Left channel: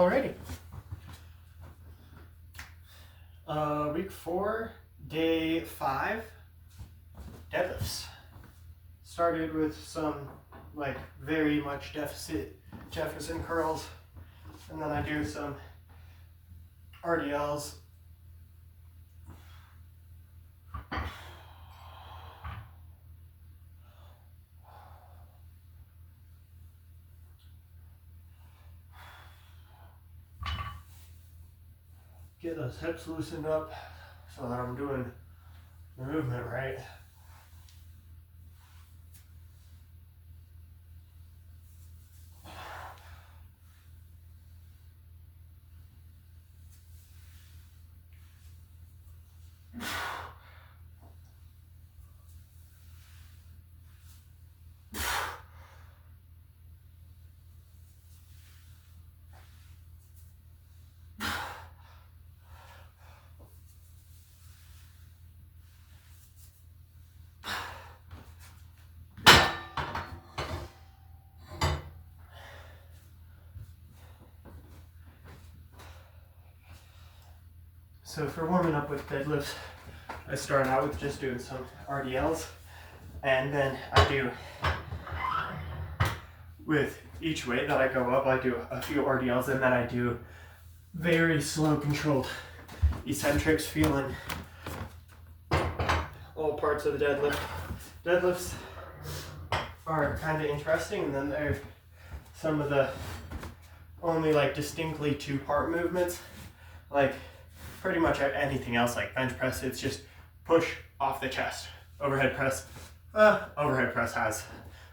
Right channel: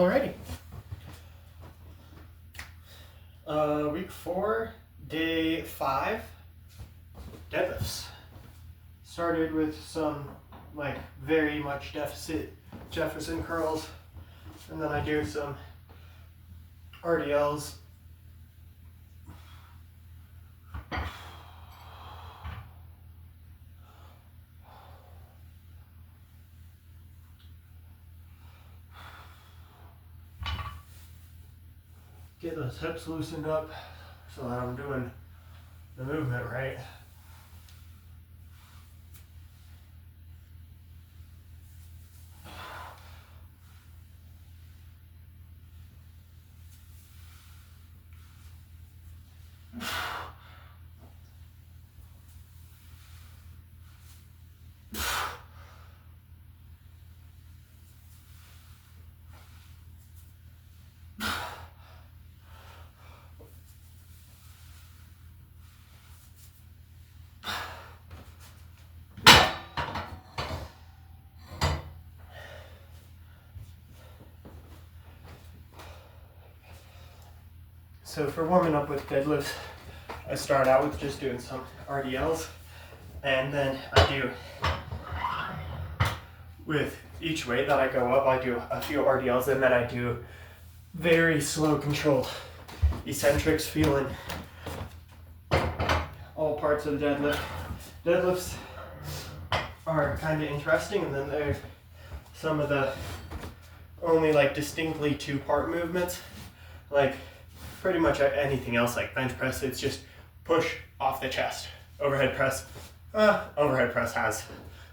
Alrighty. Week 4, day 5, deadlifts. Started with some like very much deficit Jefferson curls, and then I do some RDLs. Get those hips loosened up so that I'm doing the movement right. So for warming up with deadlifts, I start out with just doing some RDLs, and then I do, with each weight that I go up, I do a few RDLs, and then I do very slow controlled eccentrics, feeling all parts of the deadlift. Deadlifts are kind of interesting, and then there's some of the only like distinctly two-part movements, like pretty much anything else like bench press, it's just push off the chest. Overhead press has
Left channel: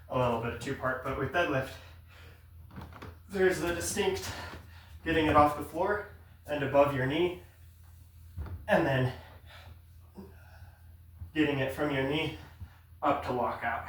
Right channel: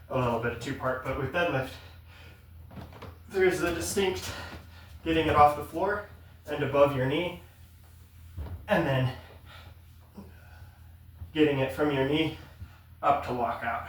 a little bit of two-part, but with deadlift, there's the distinct getting it off the floor and above your knee, and then getting it from your knee up to lockout.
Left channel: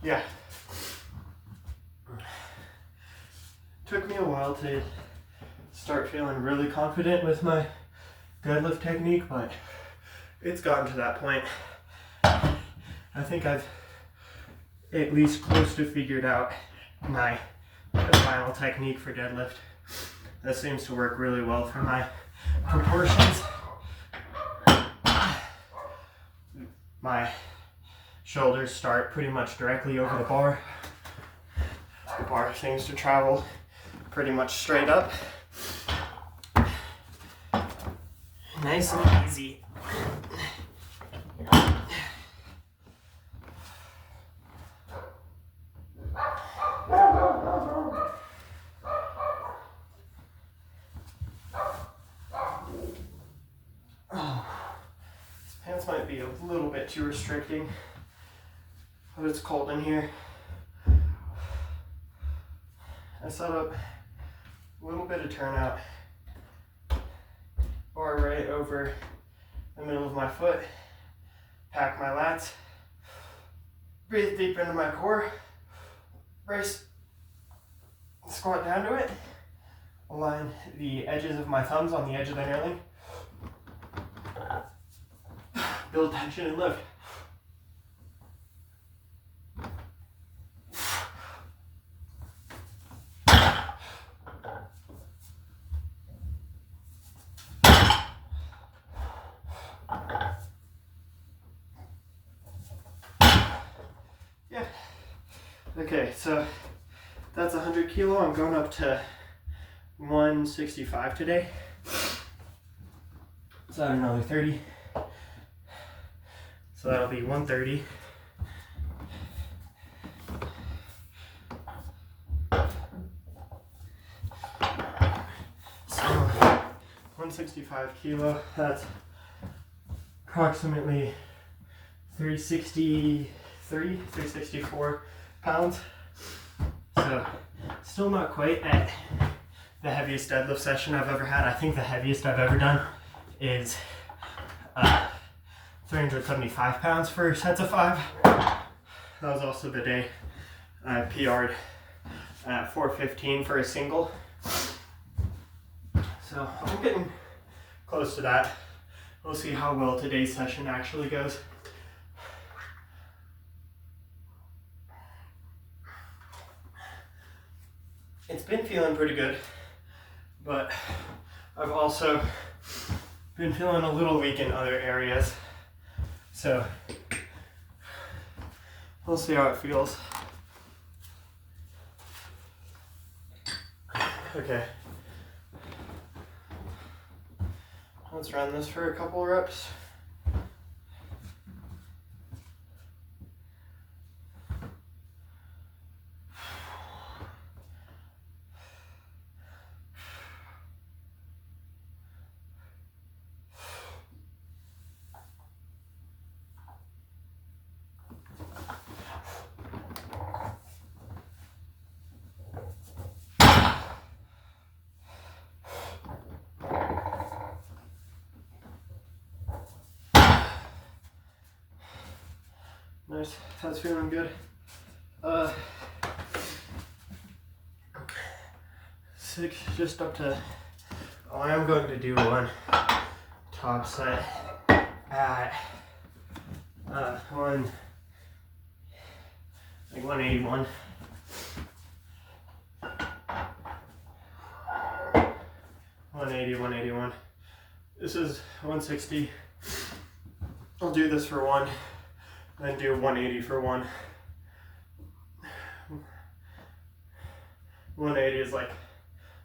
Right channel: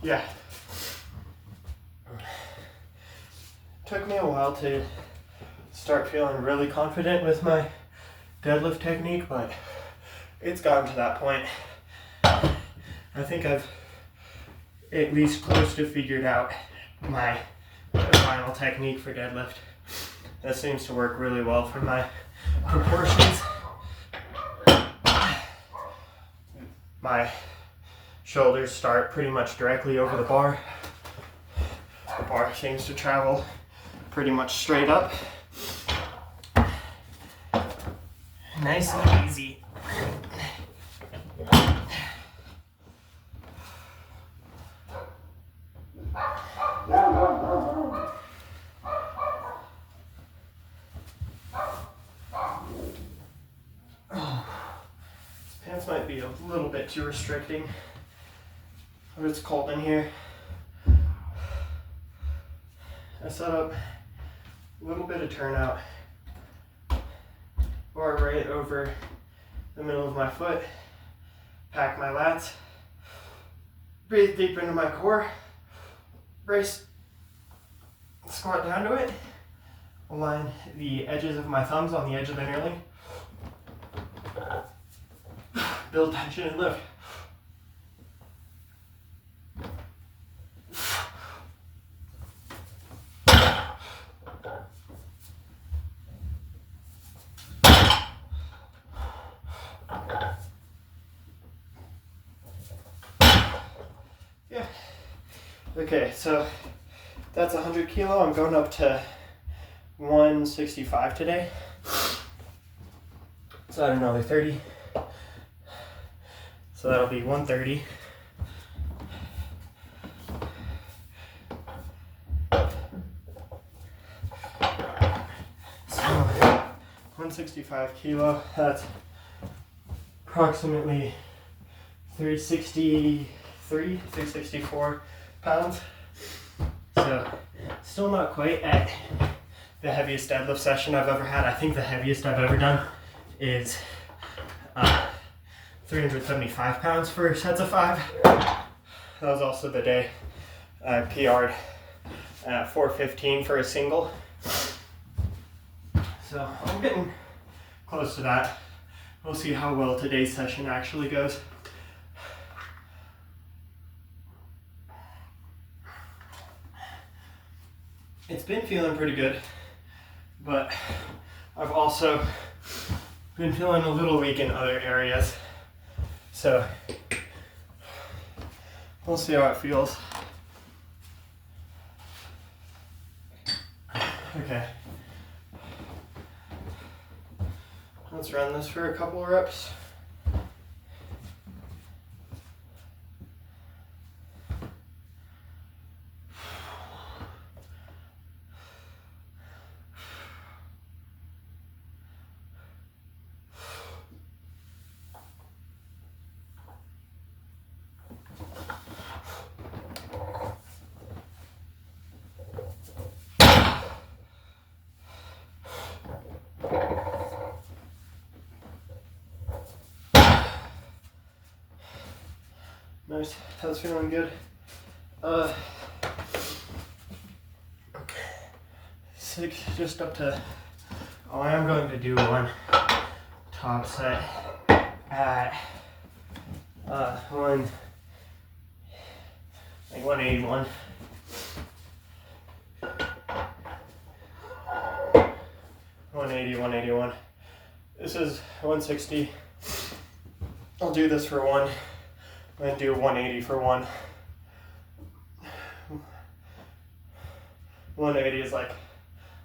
Yeah. Took me a while to start feeling really confident with my deadlift technique, but it's gotten to that point. I think I've at least close to figured out my final technique for deadlift. That seems to work really well for my proportions. My shoulders start pretty much directly over the bar. The bar seems to travel pretty much straight up. Nice and easy. Oh, these pants might be a little bit too restricting. But it's cold in here. I set up a little bit of turnout, bar right over the middle of my foot, pack my lats, breathe deep into my core, brace, squat down to it, align the edges of my thumbs on the edge of the knurling, build tension and lift. Okay, so that's 100 kilo. I'm going up to 165 today. So add another 30. So that'll be 130. So 165 kilo, that's approximately 364 pounds. So Still not quite at the heaviest deadlift session I've ever had. I think the heaviest I've ever done is 375 pounds for sets of 5. That was also the day I PR'd at 415 for a single. So I'm getting close to that. We'll see how well today's session actually goes. It's been feeling pretty good, but I've also been feeling a little weak in other areas. So we'll see how it feels. Okay. Let's run this for a couple reps. Nice, that's feeling good. Okay. 6, just up to, oh, I am going to do one top set at 181. 181. This is 160. I'll do this for 1. Then do 180 for 1. 180 is like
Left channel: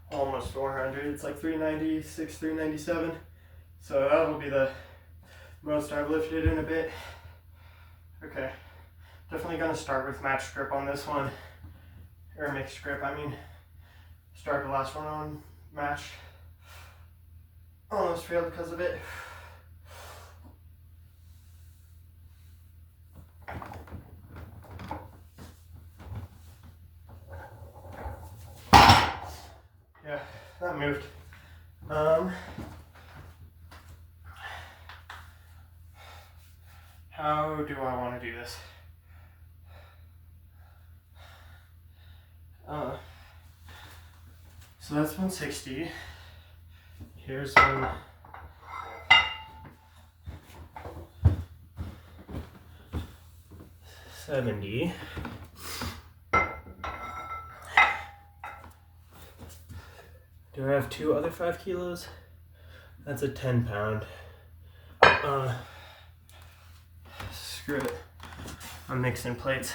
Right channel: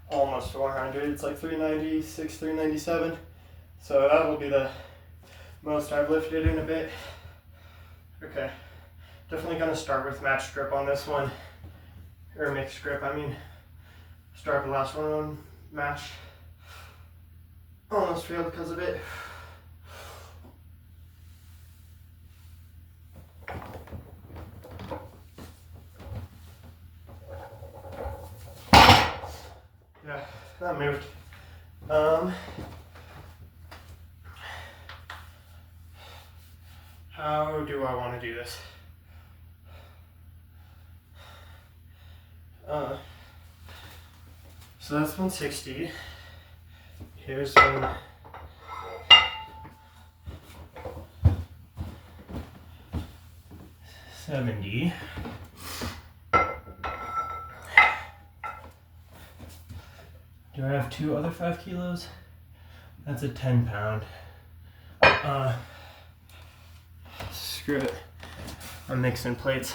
almost 400. It's like 396, 397. So that will be the most I've lifted in a bit. Okay, definitely gonna start with matched grip on this one, or mixed grip. I mean, start the last one on matched. Almost failed because of it. Yeah, that moved. How do I want to do this? So that's 160. Here's 170. Do I have 2 other 5 kilos? That's a 10 pound. Screw it. I'm mixing plates.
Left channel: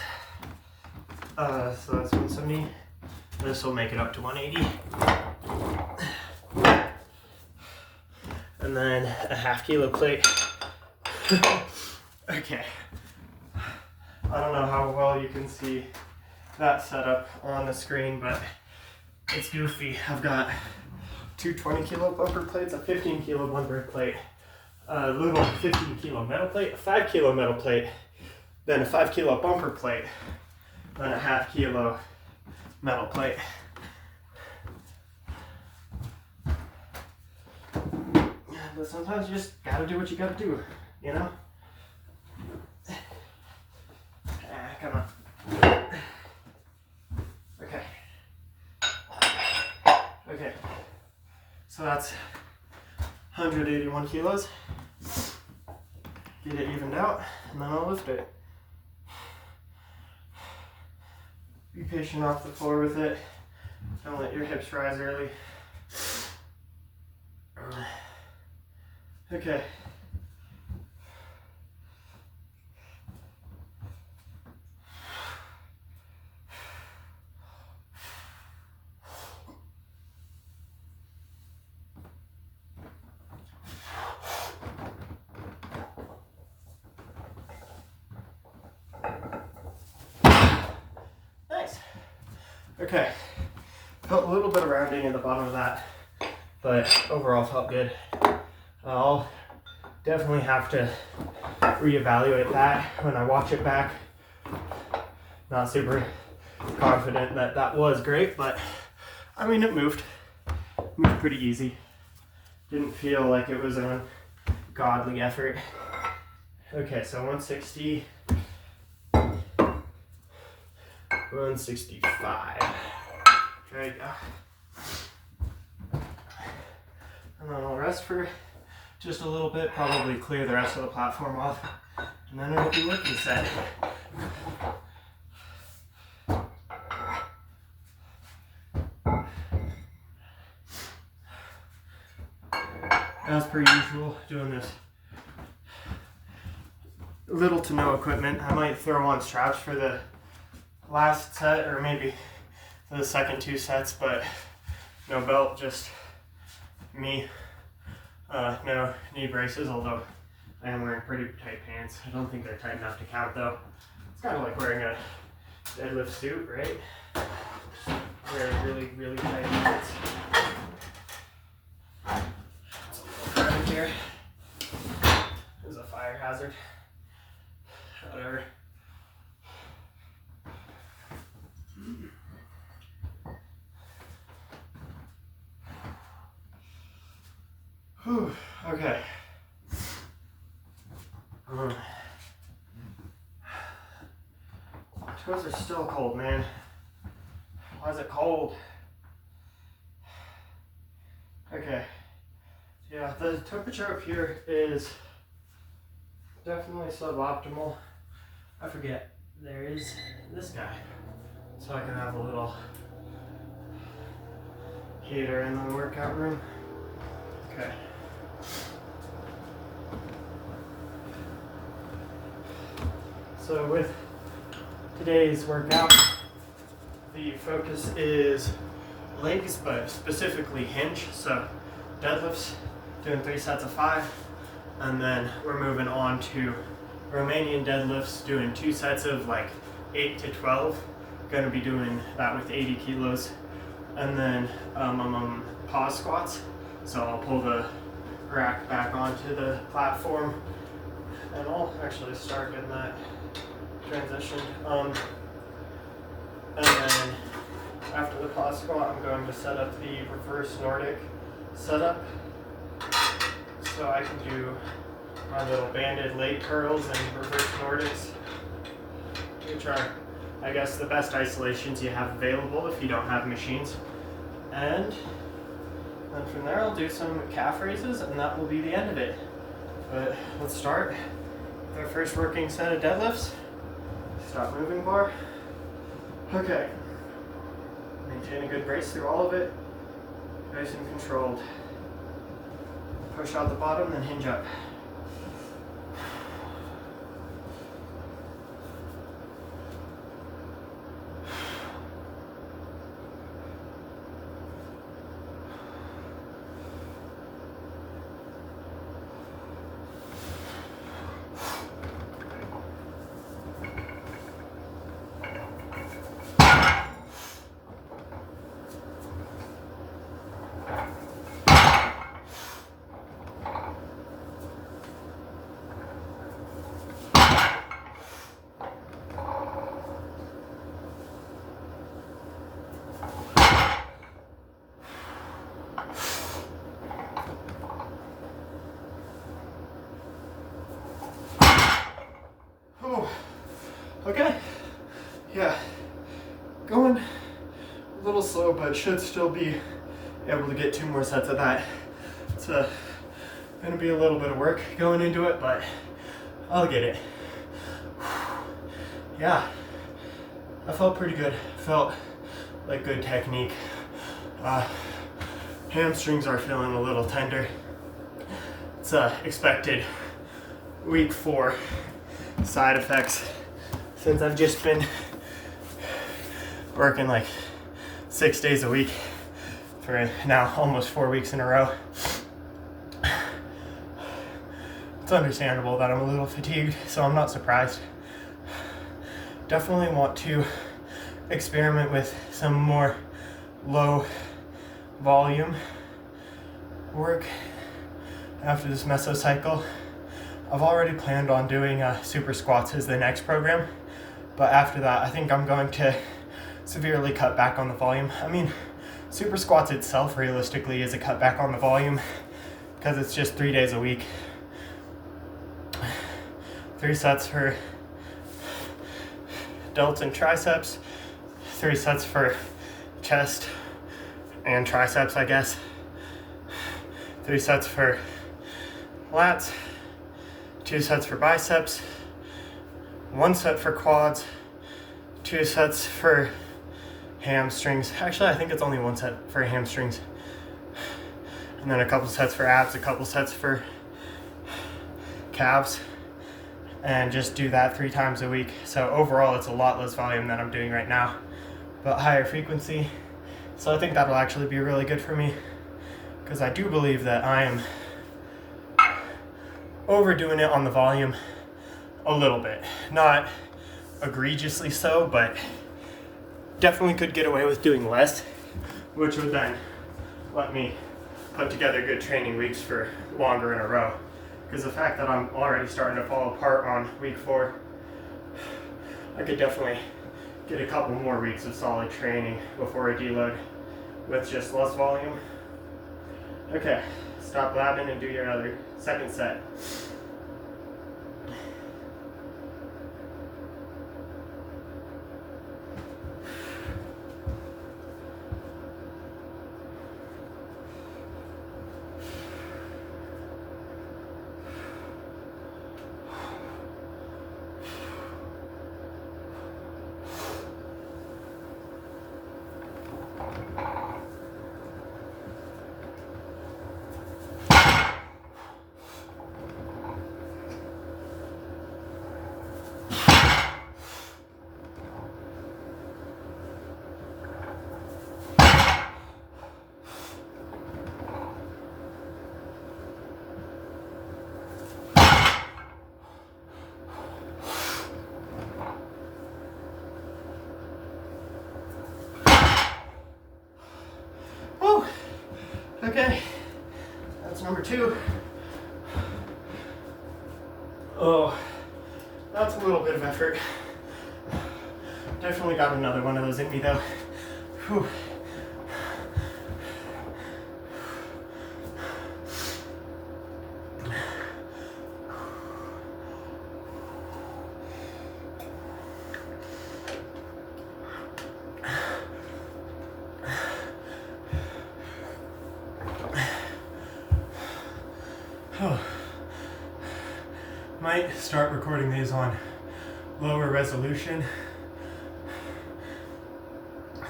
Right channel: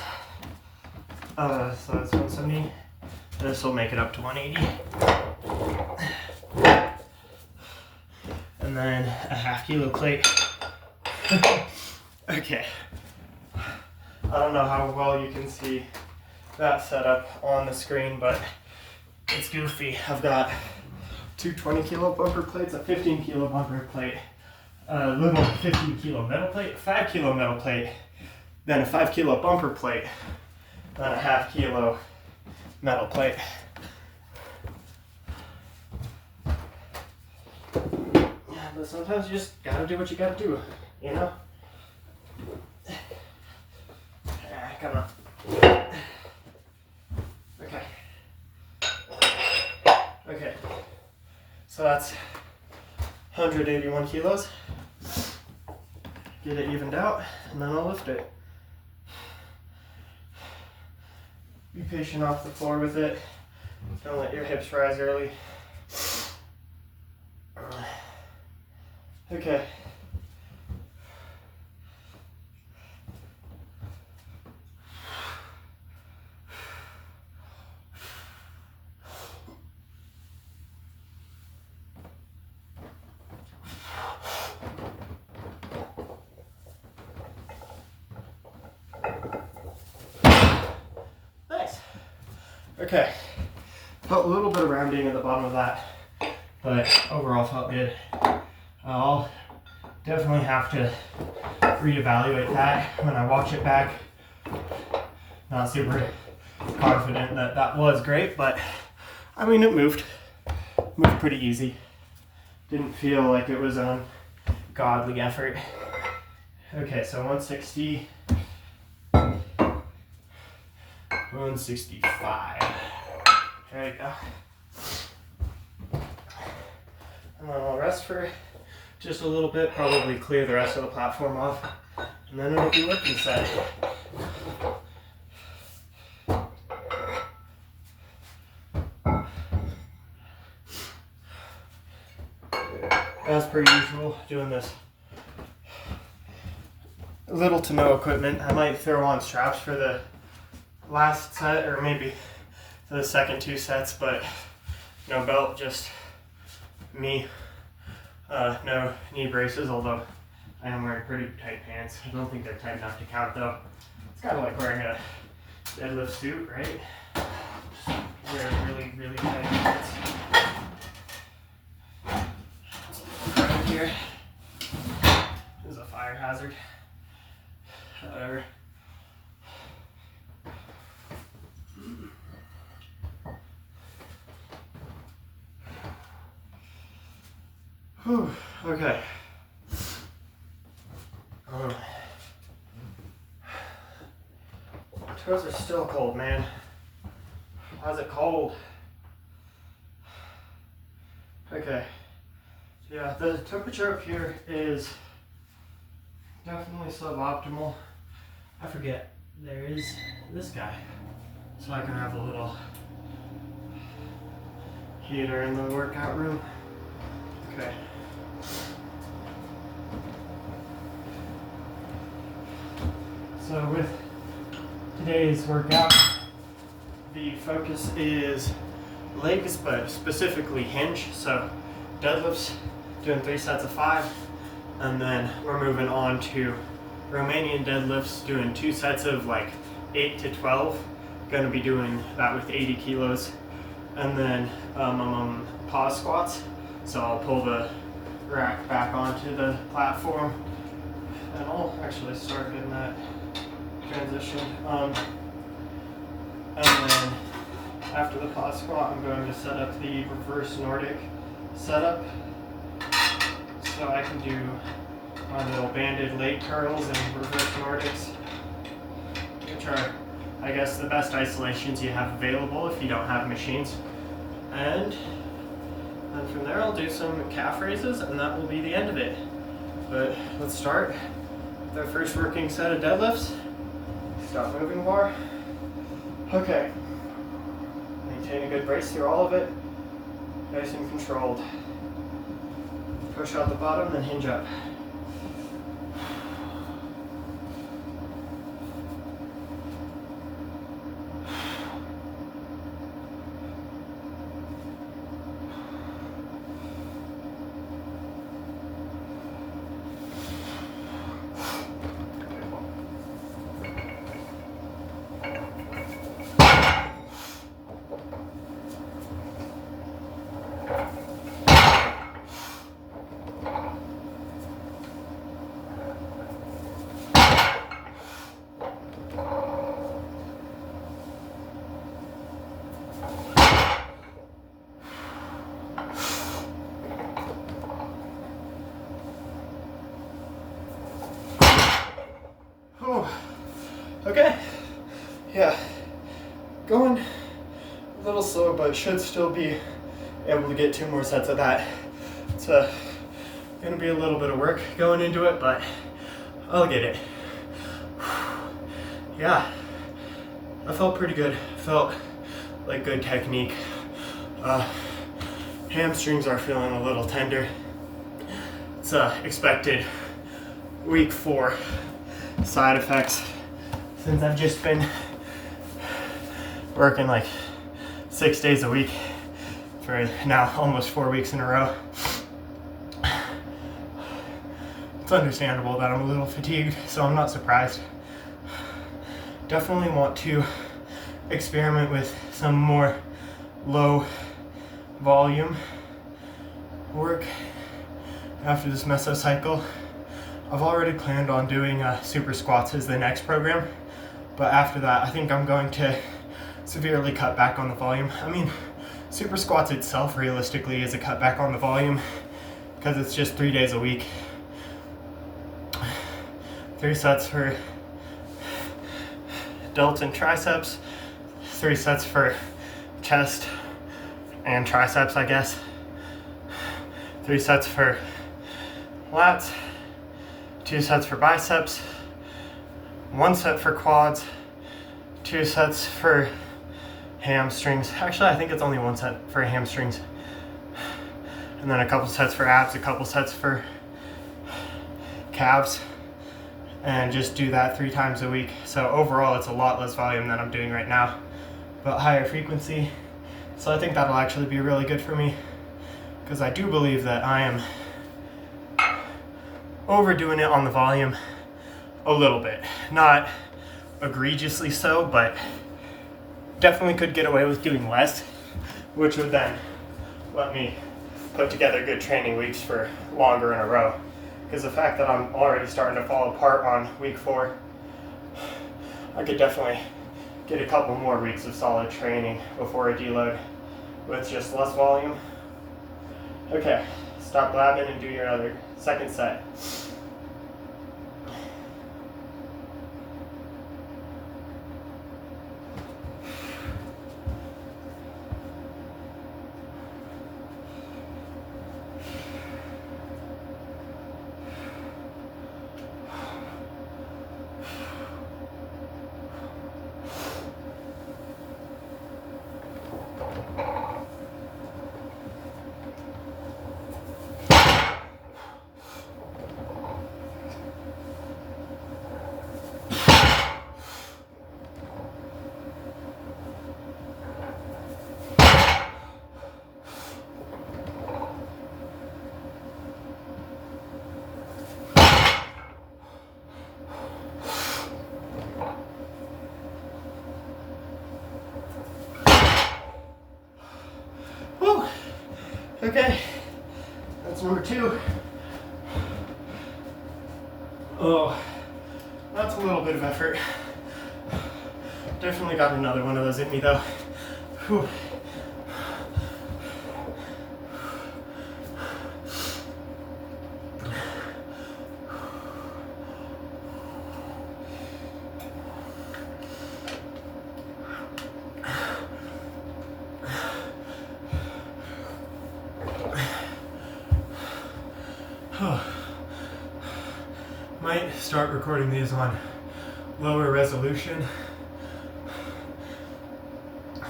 So that's 170. This will make it up to 180. And then a half kilo plate. Okay. I don't know how well you can see that setup on the screen, but it's goofy. I've got 2 20 kilo bumper plates, a 15 kilo bumper plate, a little 15 kilo metal plate, a 5 kilo metal plate, then a 5 kilo bumper plate, then a half kilo metal plate. Yeah, but sometimes you just gotta do what you gotta do, you know? Come on. Okay. So that's 181 kilos. Get it evened out, and then I'll lift it. Be patient off the floor with it. Don't let your hips rise early. Okay. Okay, felt a little bit of rounding at the bottom of that, but overall felt good. I'll definitely have to reevaluate that when I watch it back. Not super confident that that was great, but I mean, it moved pretty easy. Didn't feel like it was an ungodly effort. Okay, so 160, 165. There you go. And then I'll rest for just a little bit, probably clear the rest of the platform off, and then it'll be working set. As per usual, doing this little to no equipment. I might throw on straps for the last set, or maybe for the second 2 sets, but no belt, just me. No knee braces, although I am wearing pretty tight pants. I don't think they're tight enough to count though. It's kind of like wearing a deadlift suit, right? Just wearing really, really tight pants. Right here is a fire hazard. Whatever. Whew, okay. Toes are still cold, man. Why is it cold? Okay. Yeah, the temperature up here is definitely suboptimal. I forget, there is this guy. So I can have a little heater in the workout room. Okay. So with today's workout, the focus is legs, but specifically hinge. So deadlifts, doing 3 sets of 5, and then we're moving on to Romanian deadlifts, doing 2 sets of like 8 to 12. Going to be doing that with 80 kilos, and then I'm on pause squats. So I'll pull the rack back onto the platform, and I'll actually start in that transition. And then after the pause squat, I'm going to set up the reverse Nordic setup. So I can do my little banded leg curls and reverse Nordics, which are, I guess, the best isolations you have available if you don't have machines. And then from there I'll do some calf raises, and that will be the end of it. But let's start with our first working set of deadlifts. Stop moving bar. Okay. Maintain a good brace through all of it. Nice and controlled. Push out the bottom, then hinge up. Okay, yeah, going a little slow, but should still be able to get 2 more sets of that. It's gonna be a little bit of work going into it, but I'll get it. Yeah, I felt pretty good. Felt like good technique. Hamstrings are feeling a little tender. It's expected week 4 side effects, since I've just been working like 6 days a week for now almost 4 weeks in a row. It's understandable that I'm a little fatigued, so I'm not surprised. Definitely want to experiment with some more low volume work after this mesocycle. I've already planned on doing super squats as the next program, but after that I think I'm going to severely cut back on the volume. I mean, super squats itself realistically is a cut back on the volume because it's just 3 days a week. 3 sets for delts and triceps, 3 sets for chest and triceps, I guess. 3 sets for lats, 2 sets for biceps, 1 set for quads, 2 sets for hamstrings. Actually, I think it's only 1 set for hamstrings. And then a couple sets for abs, a couple sets for calves. And just do that 3 times a week. So overall, it's a lot less volume than I'm doing right now, but higher frequency. So I think that'll actually be really good for me, because I do believe that I am overdoing it on the volume a little bit. Not egregiously so, but definitely could get away with doing less, which would then let me put together good training weeks for longer in a row. Because the fact that I'm already starting to fall apart on week 4, I could definitely get a couple more weeks of solid training before I deload with just less volume. Okay, stop blabbing and do your other second set. Okay, that's number 2. Oh, that's a little bit of effort. Definitely got another one of those in me though. Whew. Might start recording these on lower resolution.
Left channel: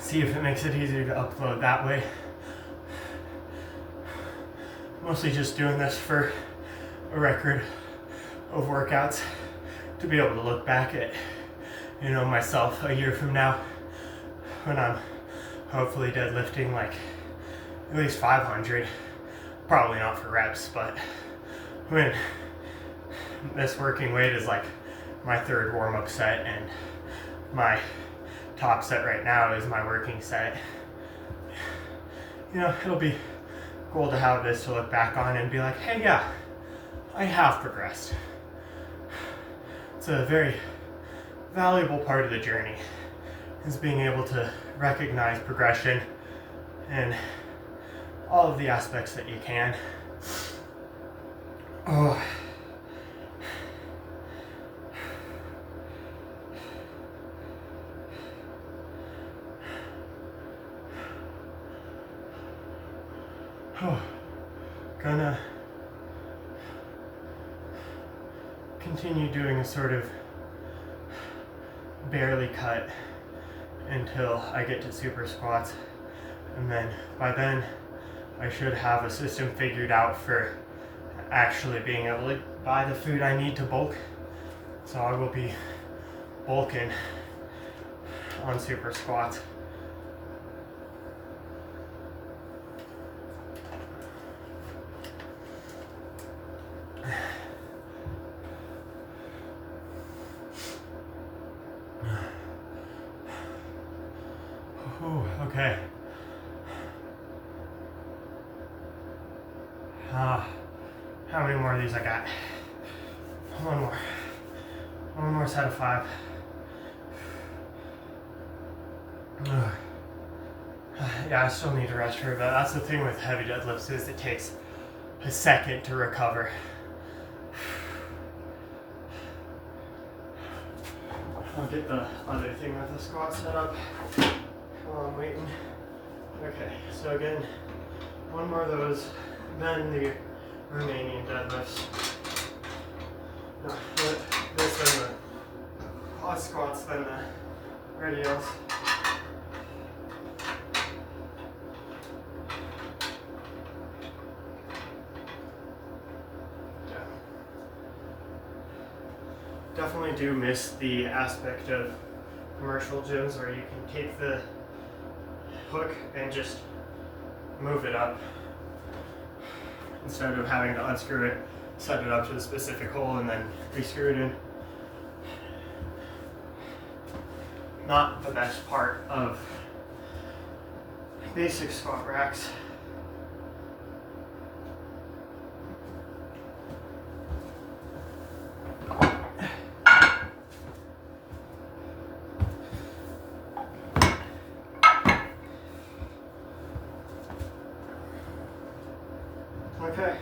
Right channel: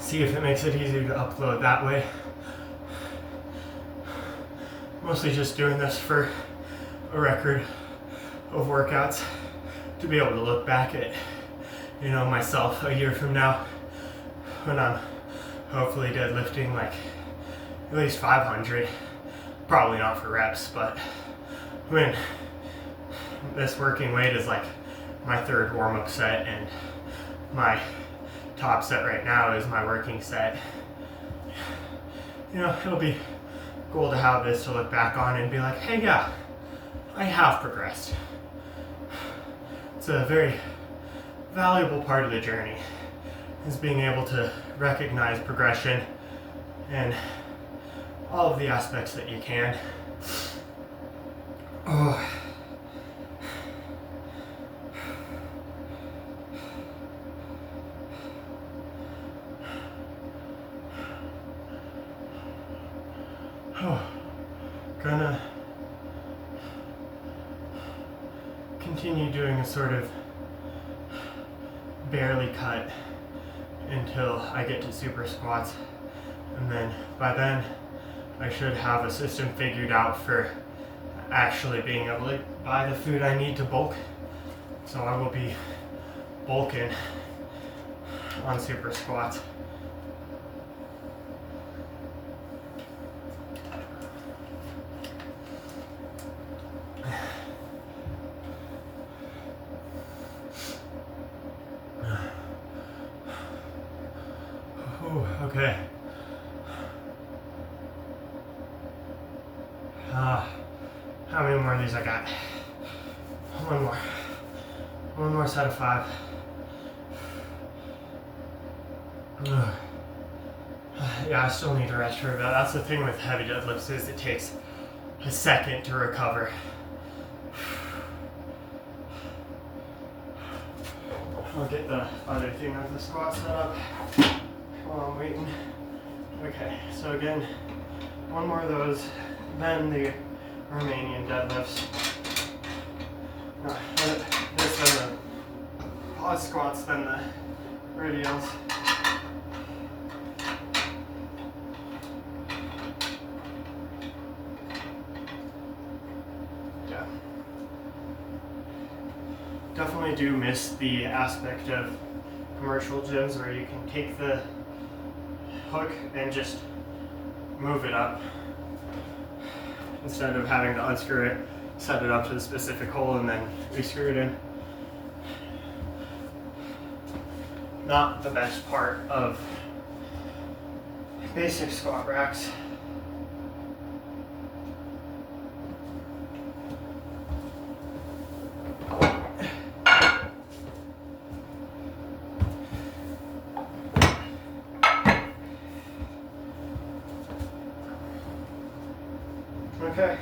See if it makes it easier to upload that way. Mostly just doing this for a record of workouts to be able to look back at, myself a year from now when I'm hopefully deadlifting like at least 500. Probably not for reps, but when this working weight is like my 3rd warm-up set and my top set right now is my working set. It'll be cool to have this to look back on and be like, hey, yeah, I have progressed. It's a very valuable part of the journey, is being able to recognize progression and all of the aspects that you can. Oh. Gonna continue doing a sort of barely cut until I get to super squats, and then by then I should have a system figured out for actually being able to buy the food I need to bulk. So I will be bulking on super squats. Okay. How many more of these I got? One more. One more set of 5. Yeah, I still need to rest for a bit. That's the thing with heavy deadlifts is it takes a second to recover. I'll get the other thing with the squat set up while I'm waiting. Okay, so again, one more of those, then the Romanian deadlifts. This then the pause squats, then the radials. Yeah. Definitely do miss the aspect of commercial gyms where you can take the hook and just move it up instead of having to unscrew it, set it up to the specific hole, and then re-screw it in. Not the best part of basic squat racks. Okay.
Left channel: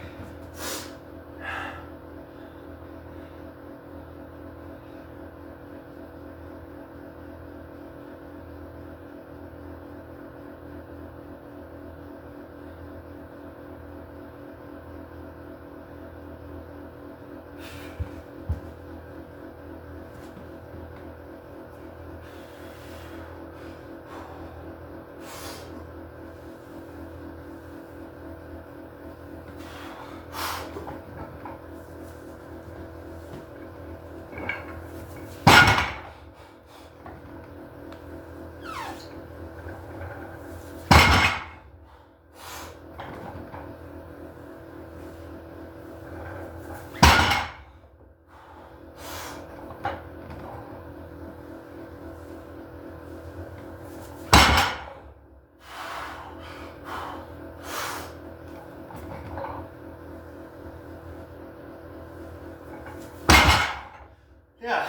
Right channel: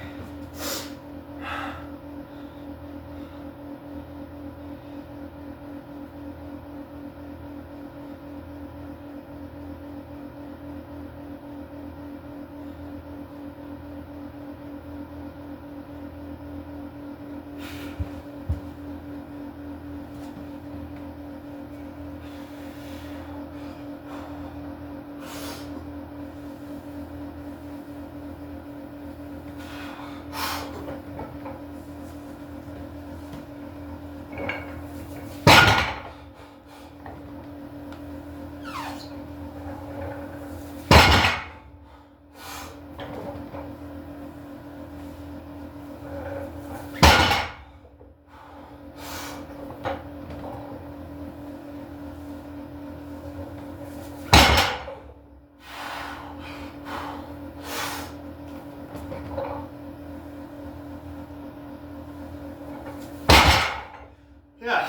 Yeah.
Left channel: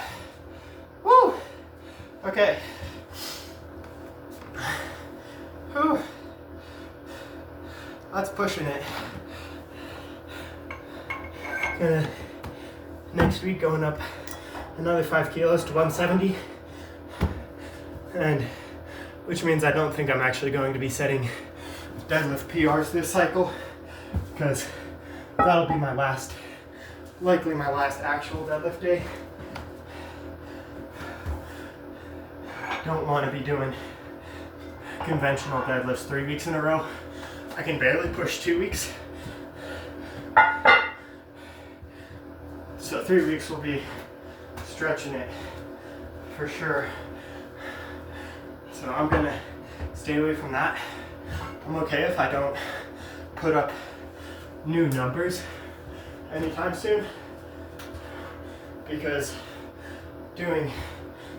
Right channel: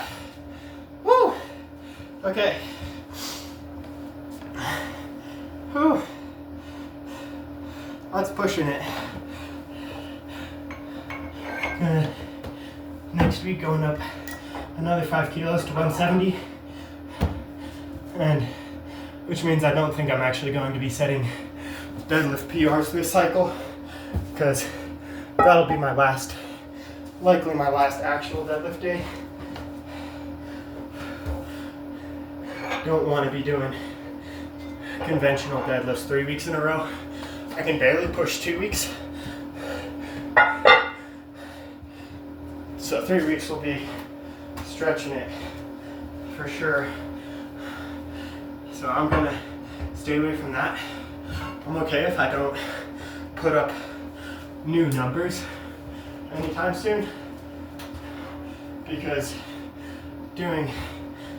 Woo! Okay. Whew. That's pushing it. Next week going up another 5 kilos to 170. And which means I don't think I'm actually going to be setting deadlift PRs this cycle, because that'll be my last, likely my last actual deadlift day. Don't want to be doing conventional deadlifts 3 weeks in a row. I can barely push 2 weeks. So 3 weeks will be stretching it for sure. So I'm gonna stay away from that. I'm okay if I don't put up new numbers anytime soon, because doing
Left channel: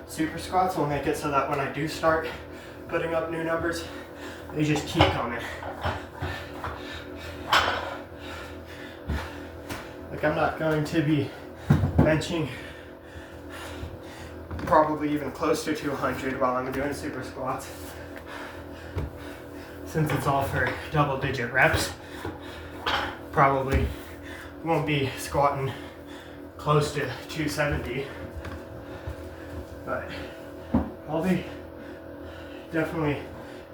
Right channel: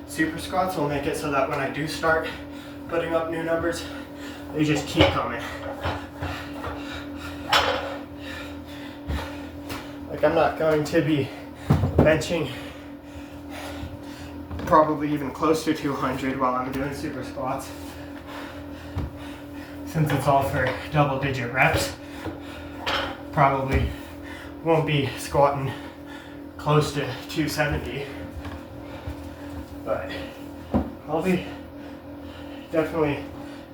super squats will make it so that when I do start putting up new numbers, they just keep coming. Like, I'm not going to be benching probably even close to 200 while I'm doing super squats, since it's all for double-digit reps. Probably won't be squatting close to 270, but I'll be definitely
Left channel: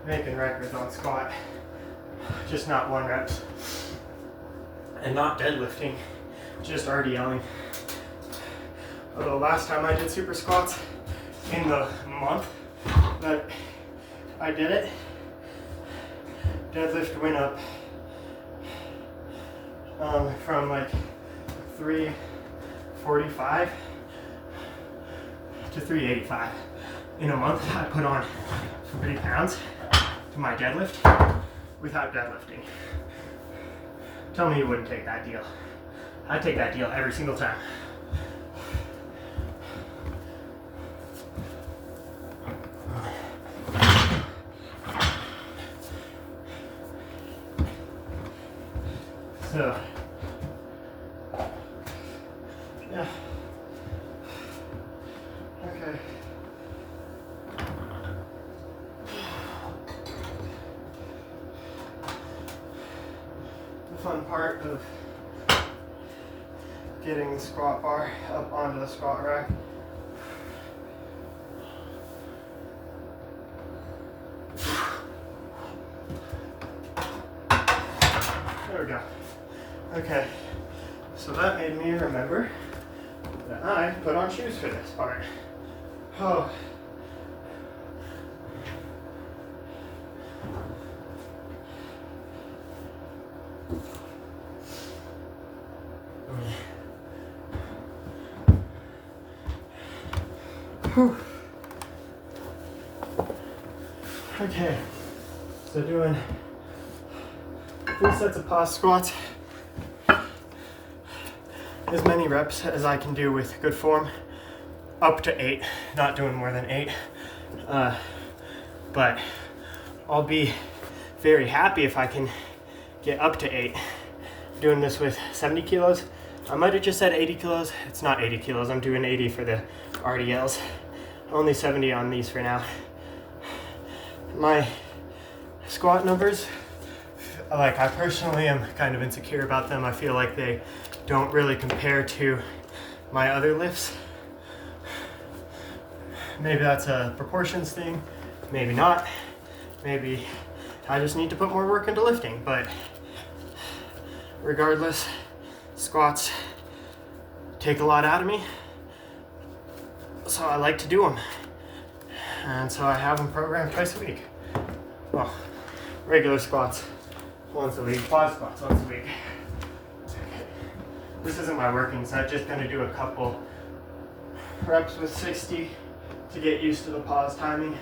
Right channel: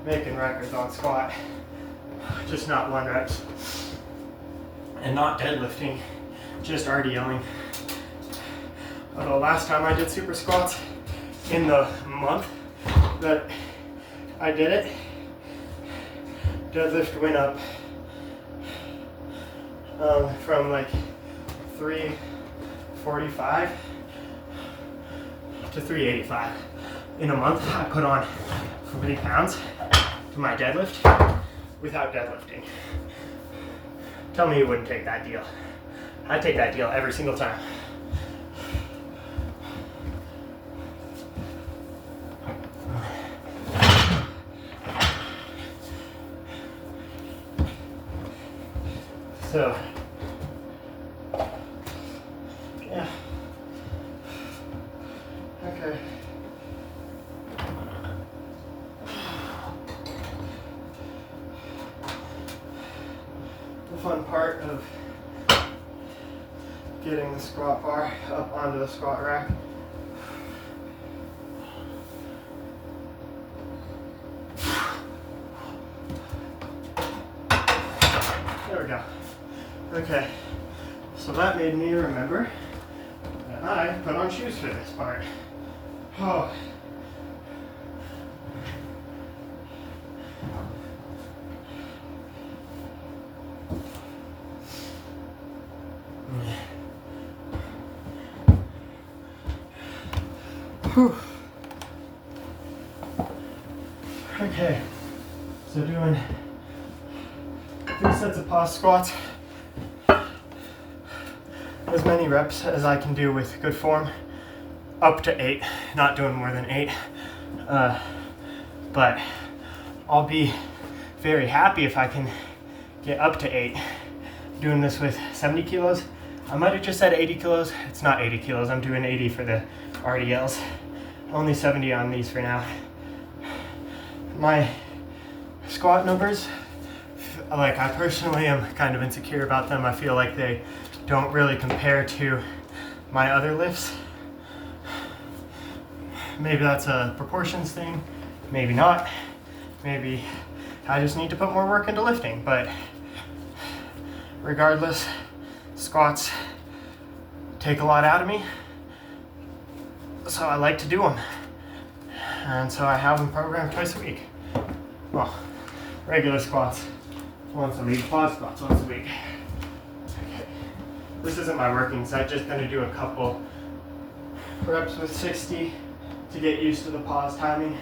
making records on squat, just not 1 reps, and not deadlifting, just RDLing. Although last time I did super squats, in the month that I did it, deadlift went up from like 345 to 385. In a month, I put on 40 pounds to my deadlift without deadlifting. Tell me you wouldn't take that deal. I'd take that deal every single time. So, yeah. Okay. part of getting the squat bar up onto the squat rack. There we go. Okay, so that made me remember that I put on shoes for this part. Oh. Whew. Okay, so doing 3 sets of pause squats, as many reps as I can do with good form, up to 8, not doing more than 8, but I'll be very happy if I can get up to 8. Doing this with 70 kilos, I might have just said 80 kilos, it's not 80 kilos, I'm doing 80 for the RDLs, only 70 on these for now. My squat numbers, like, I personally am kind of insecure about them. I feel like they don't really compare to my other lifts. Maybe that's a proportions thing, maybe not. Maybe I just need to put more work into lifting, but regardless, squats take a lot out of me, so I like to do them. And so I have them programmed twice a week. Well, regular squats once a week, pause squats once a week. Okay. This isn't my working set, just gonna do a couple reps with 60 to get used to the pause timing.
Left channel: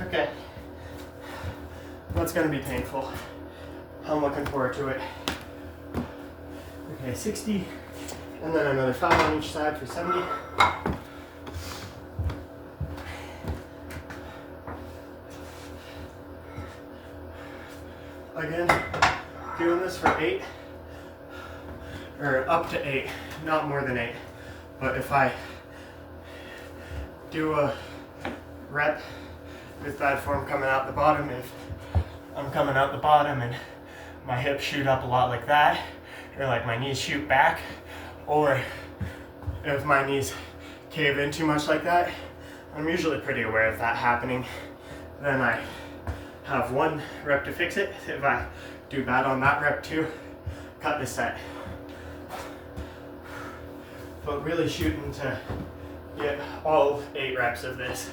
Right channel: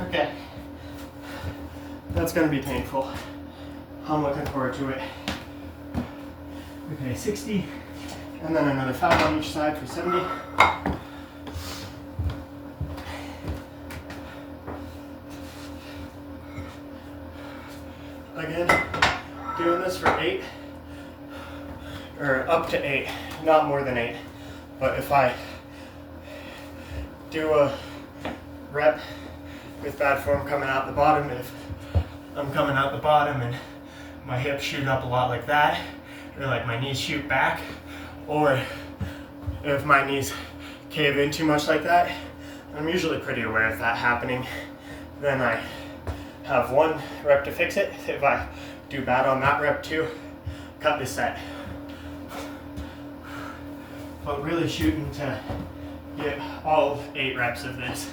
Okay, that's going to be painful. I'm looking forward to it. Okay, 60, and then another 5 on each side for 70. Again, doing this for 8, or up to 8, not more than 8. But if I do a rep with bad form coming out the bottom, if I'm coming out the bottom and my hips shoot up a lot like that, or like my knees shoot back, or if my knees cave in too much like that, I'm usually pretty aware of that happening. Then I have 1 rep to fix it. If I do bad on that rep too, cut the set. But really shooting to get all 8 reps of this.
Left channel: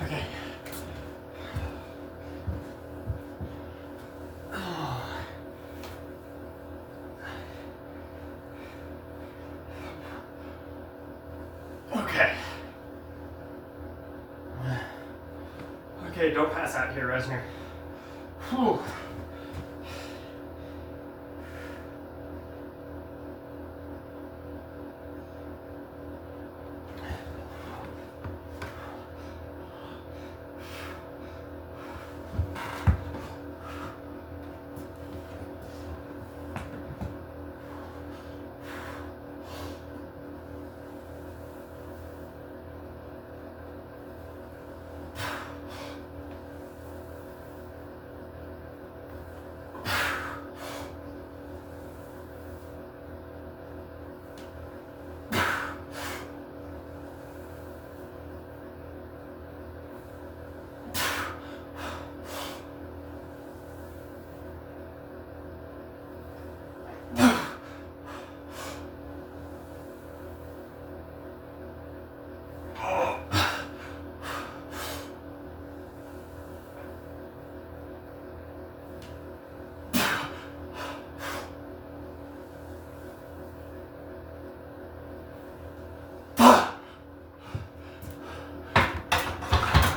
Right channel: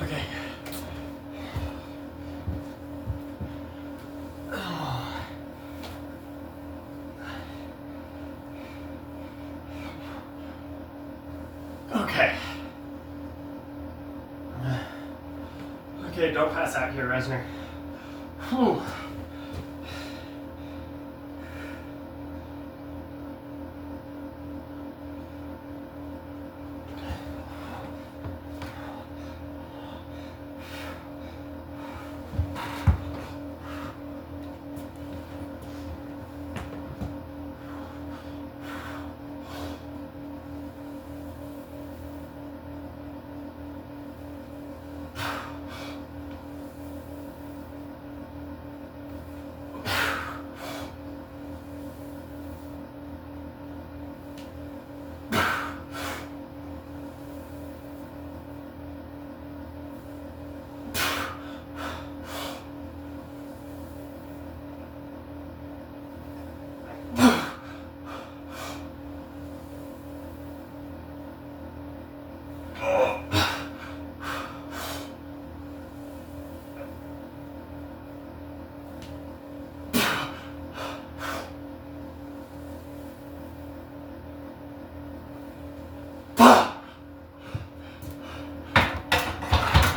Okay. Okay. Okay, don't pass out here, Resner. Whew.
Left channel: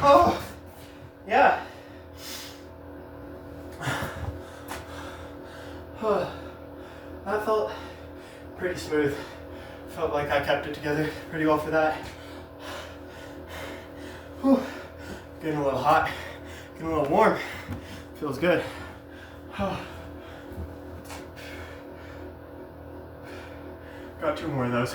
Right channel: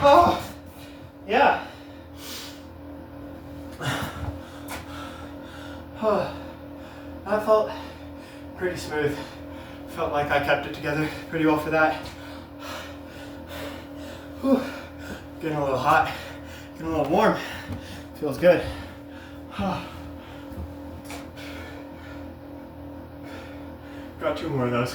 Oh, yeah. smooth. Felt like I kept it together pretty well for that. Whew. Getting a little hot, getting a little warm. Feels good. Got 2 more of those.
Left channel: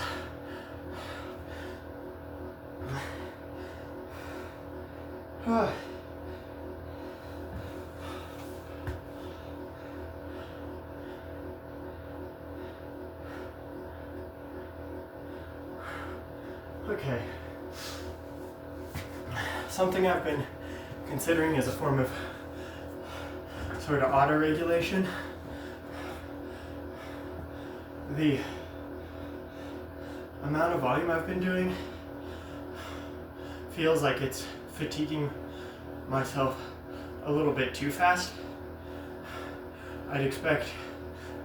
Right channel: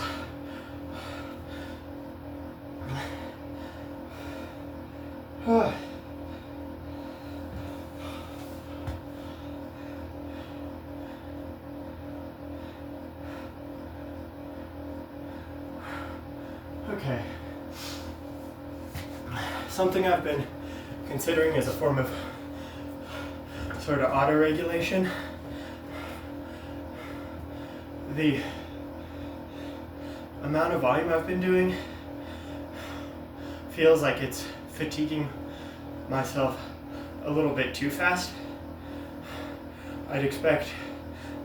Okay. Something I've been considering as a form of sort of auto-regulation. The amount of volume I've been doing feels like it's fatiguing myself a little bit too fast. I'd expect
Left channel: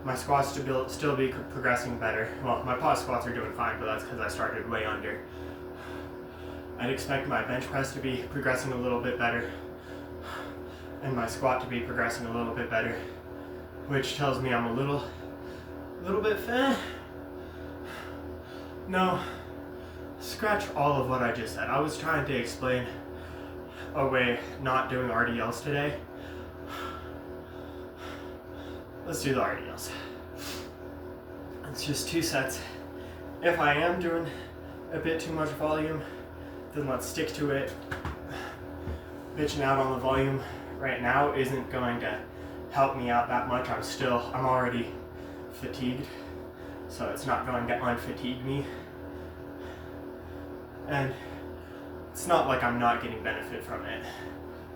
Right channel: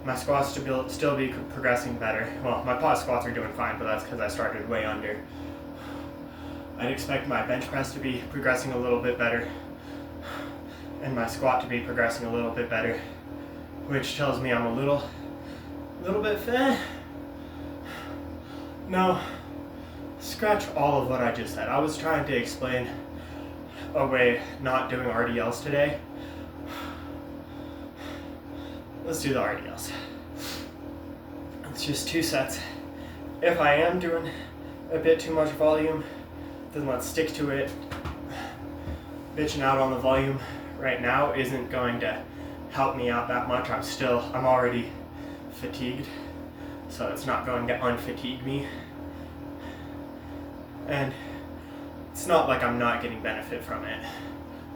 my squats to still be progressing better. Well, my pause squats are doing fine, but that's because I started way under. I'd expect my bench press to be progressing a little bit better and my squat to be progressing a little bit better, which tells me I'm a little bit fat. No, scratch all of what I just said. I was trying to explain away not doing RDLs today. Let's do the RDLs. It's just 2 sets. If I am doing a bit too much volume, then let's stick to it. Bitching out on the volume right now isn't going to help me out that much. I'm already fatigued, so it's not going to unfatigue me. And it's not like I'm not getting benefit from it.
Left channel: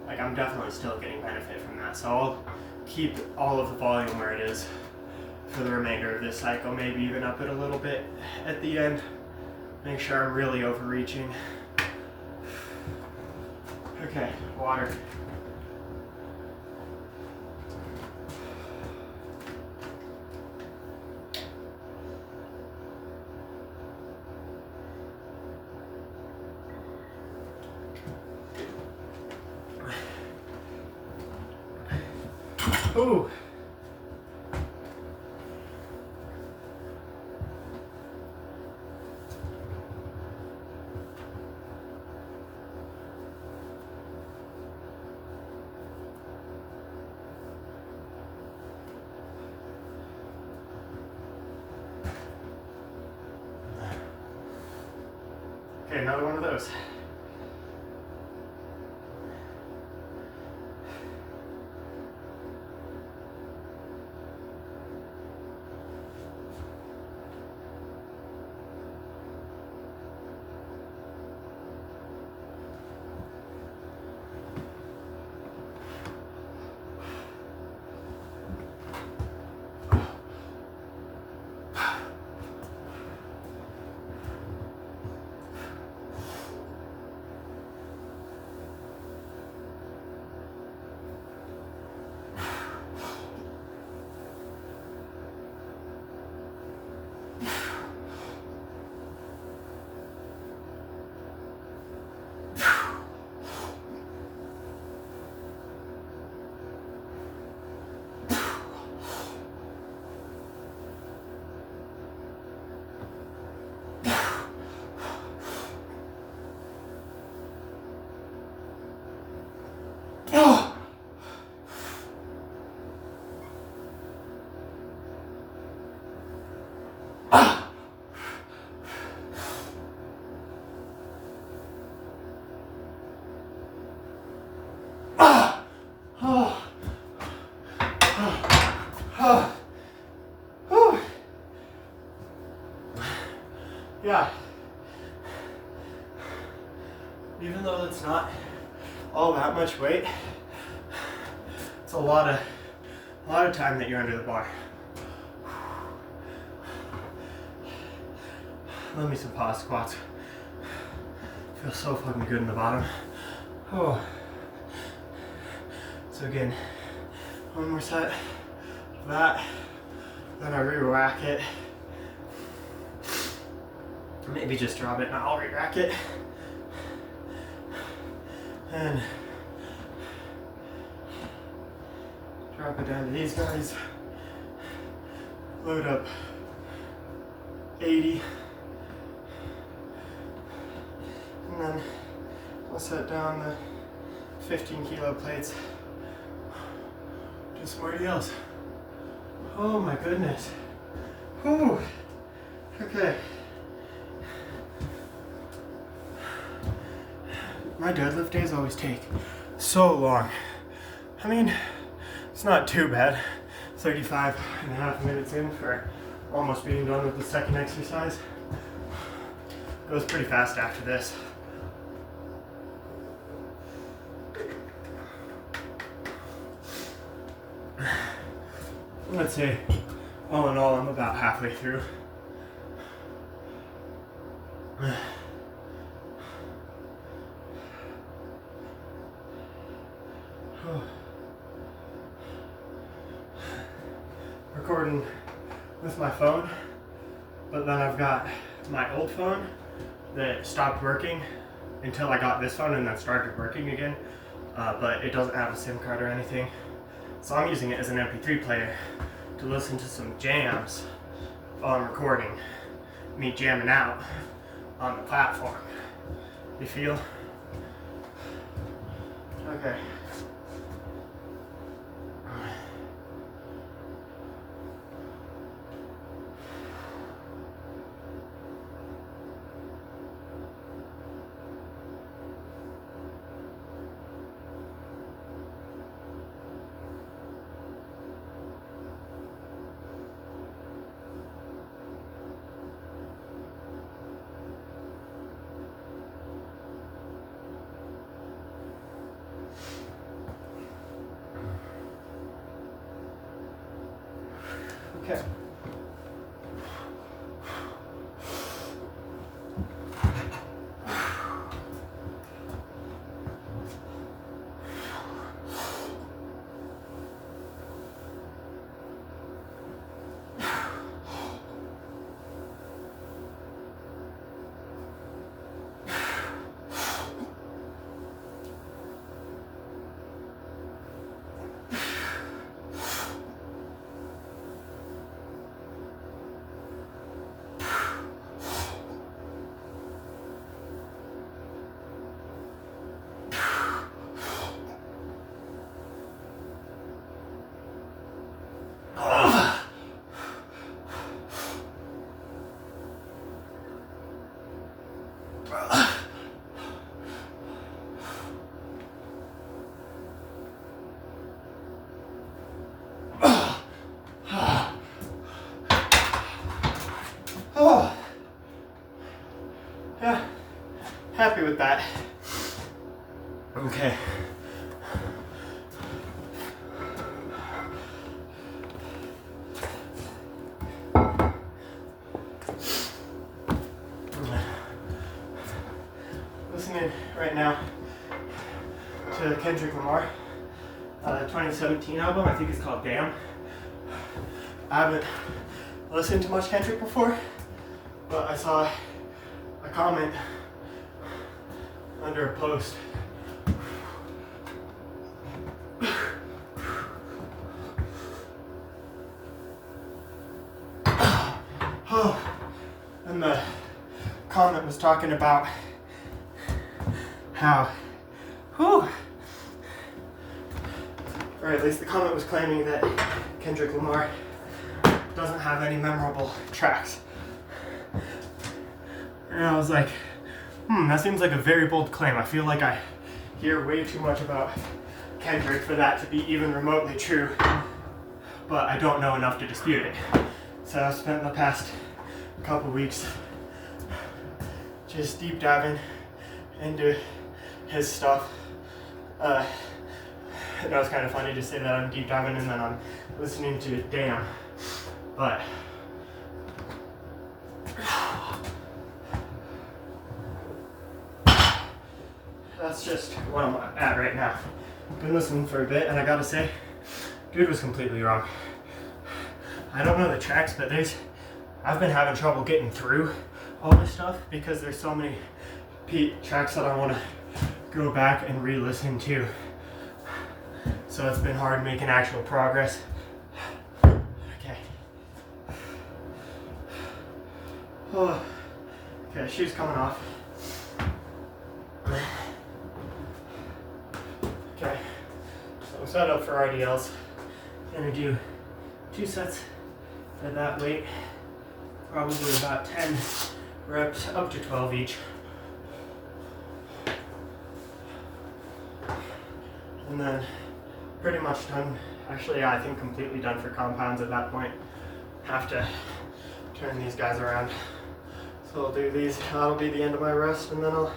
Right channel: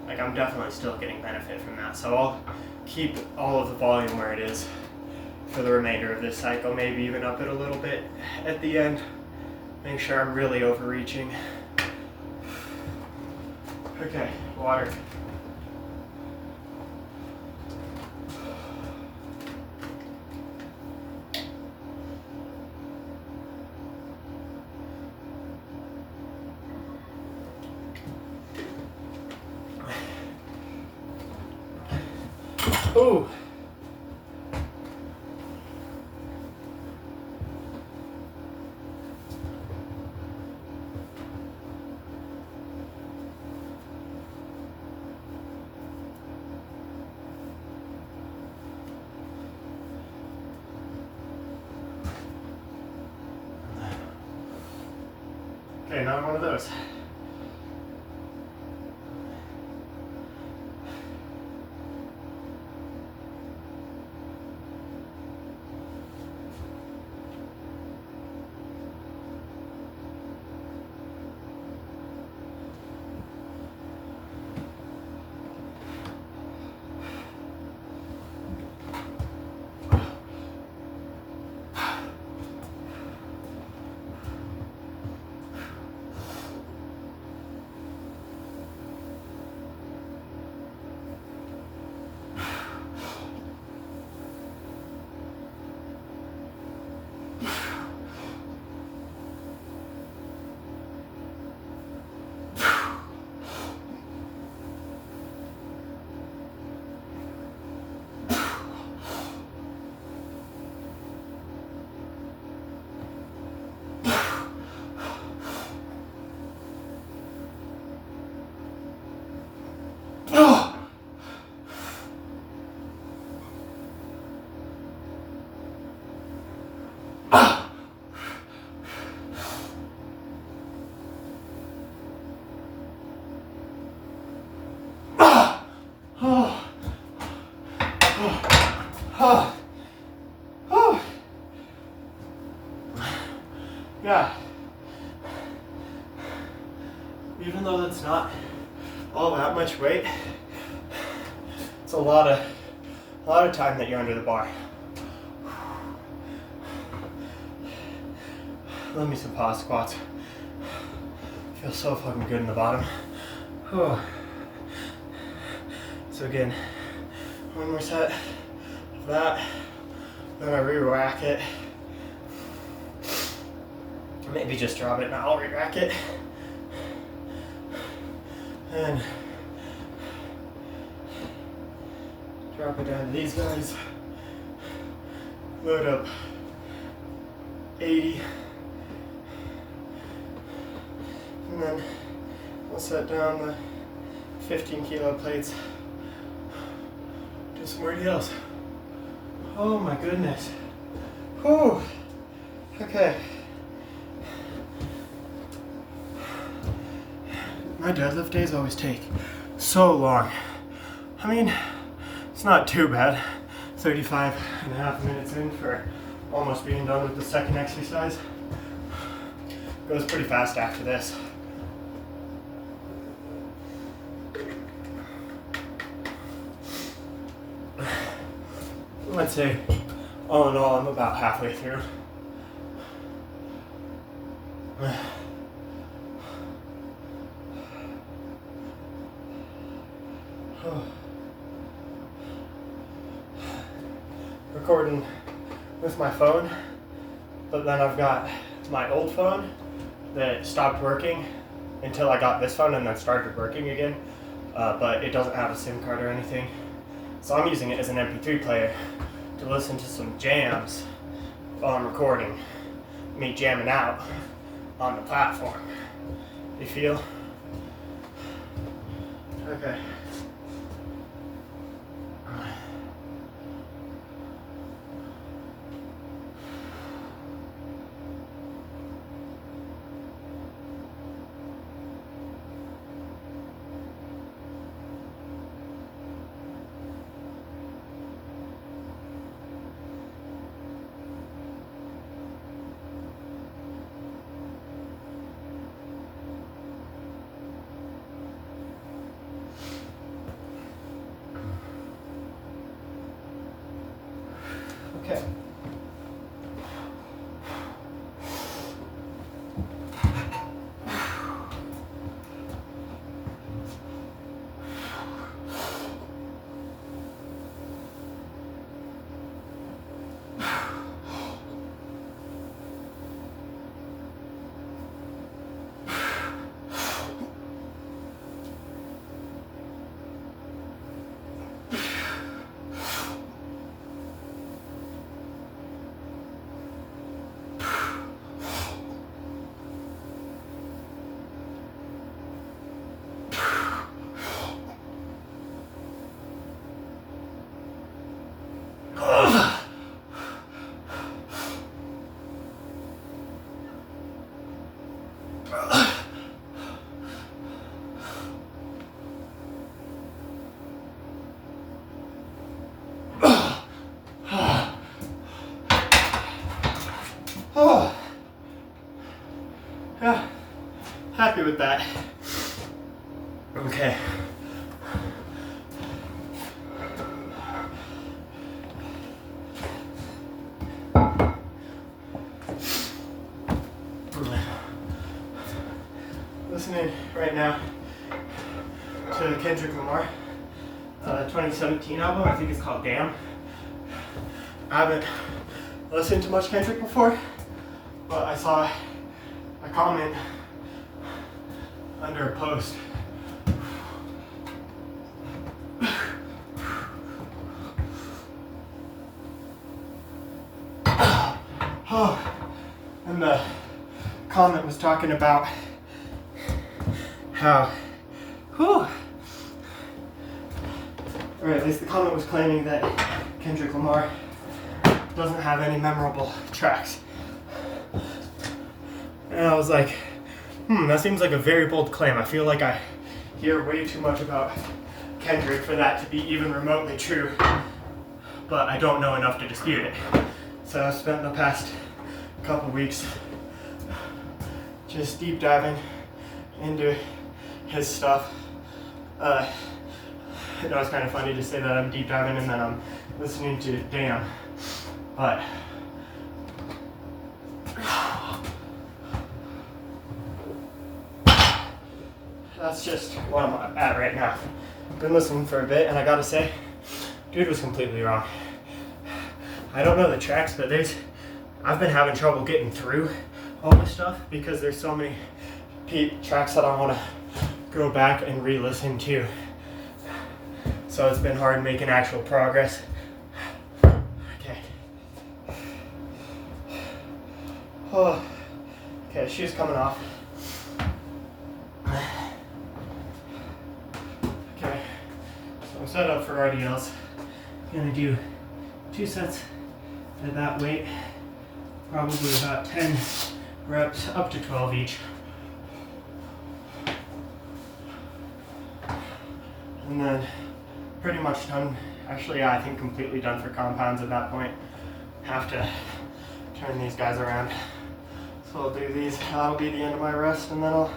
Like, I'm definitely still getting benefit from that. So I'll keep all of the volume where it is for the remainder of this cycle, maybe even up it a little bit at the end. Make sure I'm really overreaching. Okay, water. Ooh. Okay, another one of those. Oh. Ah. Ah. Oh. Oh. Oh. Yeah. Even though that's not all that much weight, it's a lot of time that you're under the bar. Let me some pause squats. Feels so fucking good in the bottom. Oh. So again, one more set of that, then I re-rack it. Maybe just drop it and I'll re-rack it. And drop it down to these guys. Load up 80. And then we'll set down the 15 kilo plates. Do somebody else. Oh my goodness. Whew. Okay. My deadlift days always take so long. I mean, it's not too bad. 35.5 minutes in for almost being done with the second exercise. Goes pretty fast after this. Let's say, all in all, I'm about halfway through. Recording with my phone, but then I've got my old phone that stopped working until I got this phone and then started working again, but it doesn't have a SIM card or anything. So I'm using it as an MP3 player to listen to some jams while I'm recording, me jamming out on the platform. You feel? Okay. Okay. Oh, yeah, happy with that. Okay. Listening right now to Kendrick Lamar, 2017 album. I think it's called Damn. I haven't listened to much Kendrick before, but I saw a comment under a post. And the comment was talking about how, or at least the comment was claiming that Kendrick Lamar doesn't have any memorable tracks. And I was like, that seems like a very bold claim. I feel like I hear way too much about Kendrick for that to be even remotely true, but I don't know enough to dispute it. So I've spent the past couple weeks just deep diving into his stuff. It was kind of funny to say that I'm deep diving and then I'm listening to Damn, but that's just what I'm at right now. I've been listening for a bit and I gotta say, dude was completely wrong. I don't know the tracks, but I've been having trouble getting through all this stuff because there's so many tracks that I want to go back and re-listen to. So it's been hard making actual progress. Okay. Oh, okay, shoes coming off. Okay, so I'm set up for RDLs. I'm gonna do 2 sets at that weight, probably about 10 reps, up to 12 each. And then pretty much done. Actually, I think completely done for compounds at that point. Have to turn these guys around. So I'll do these. That'll be the end of my rest, and then I'll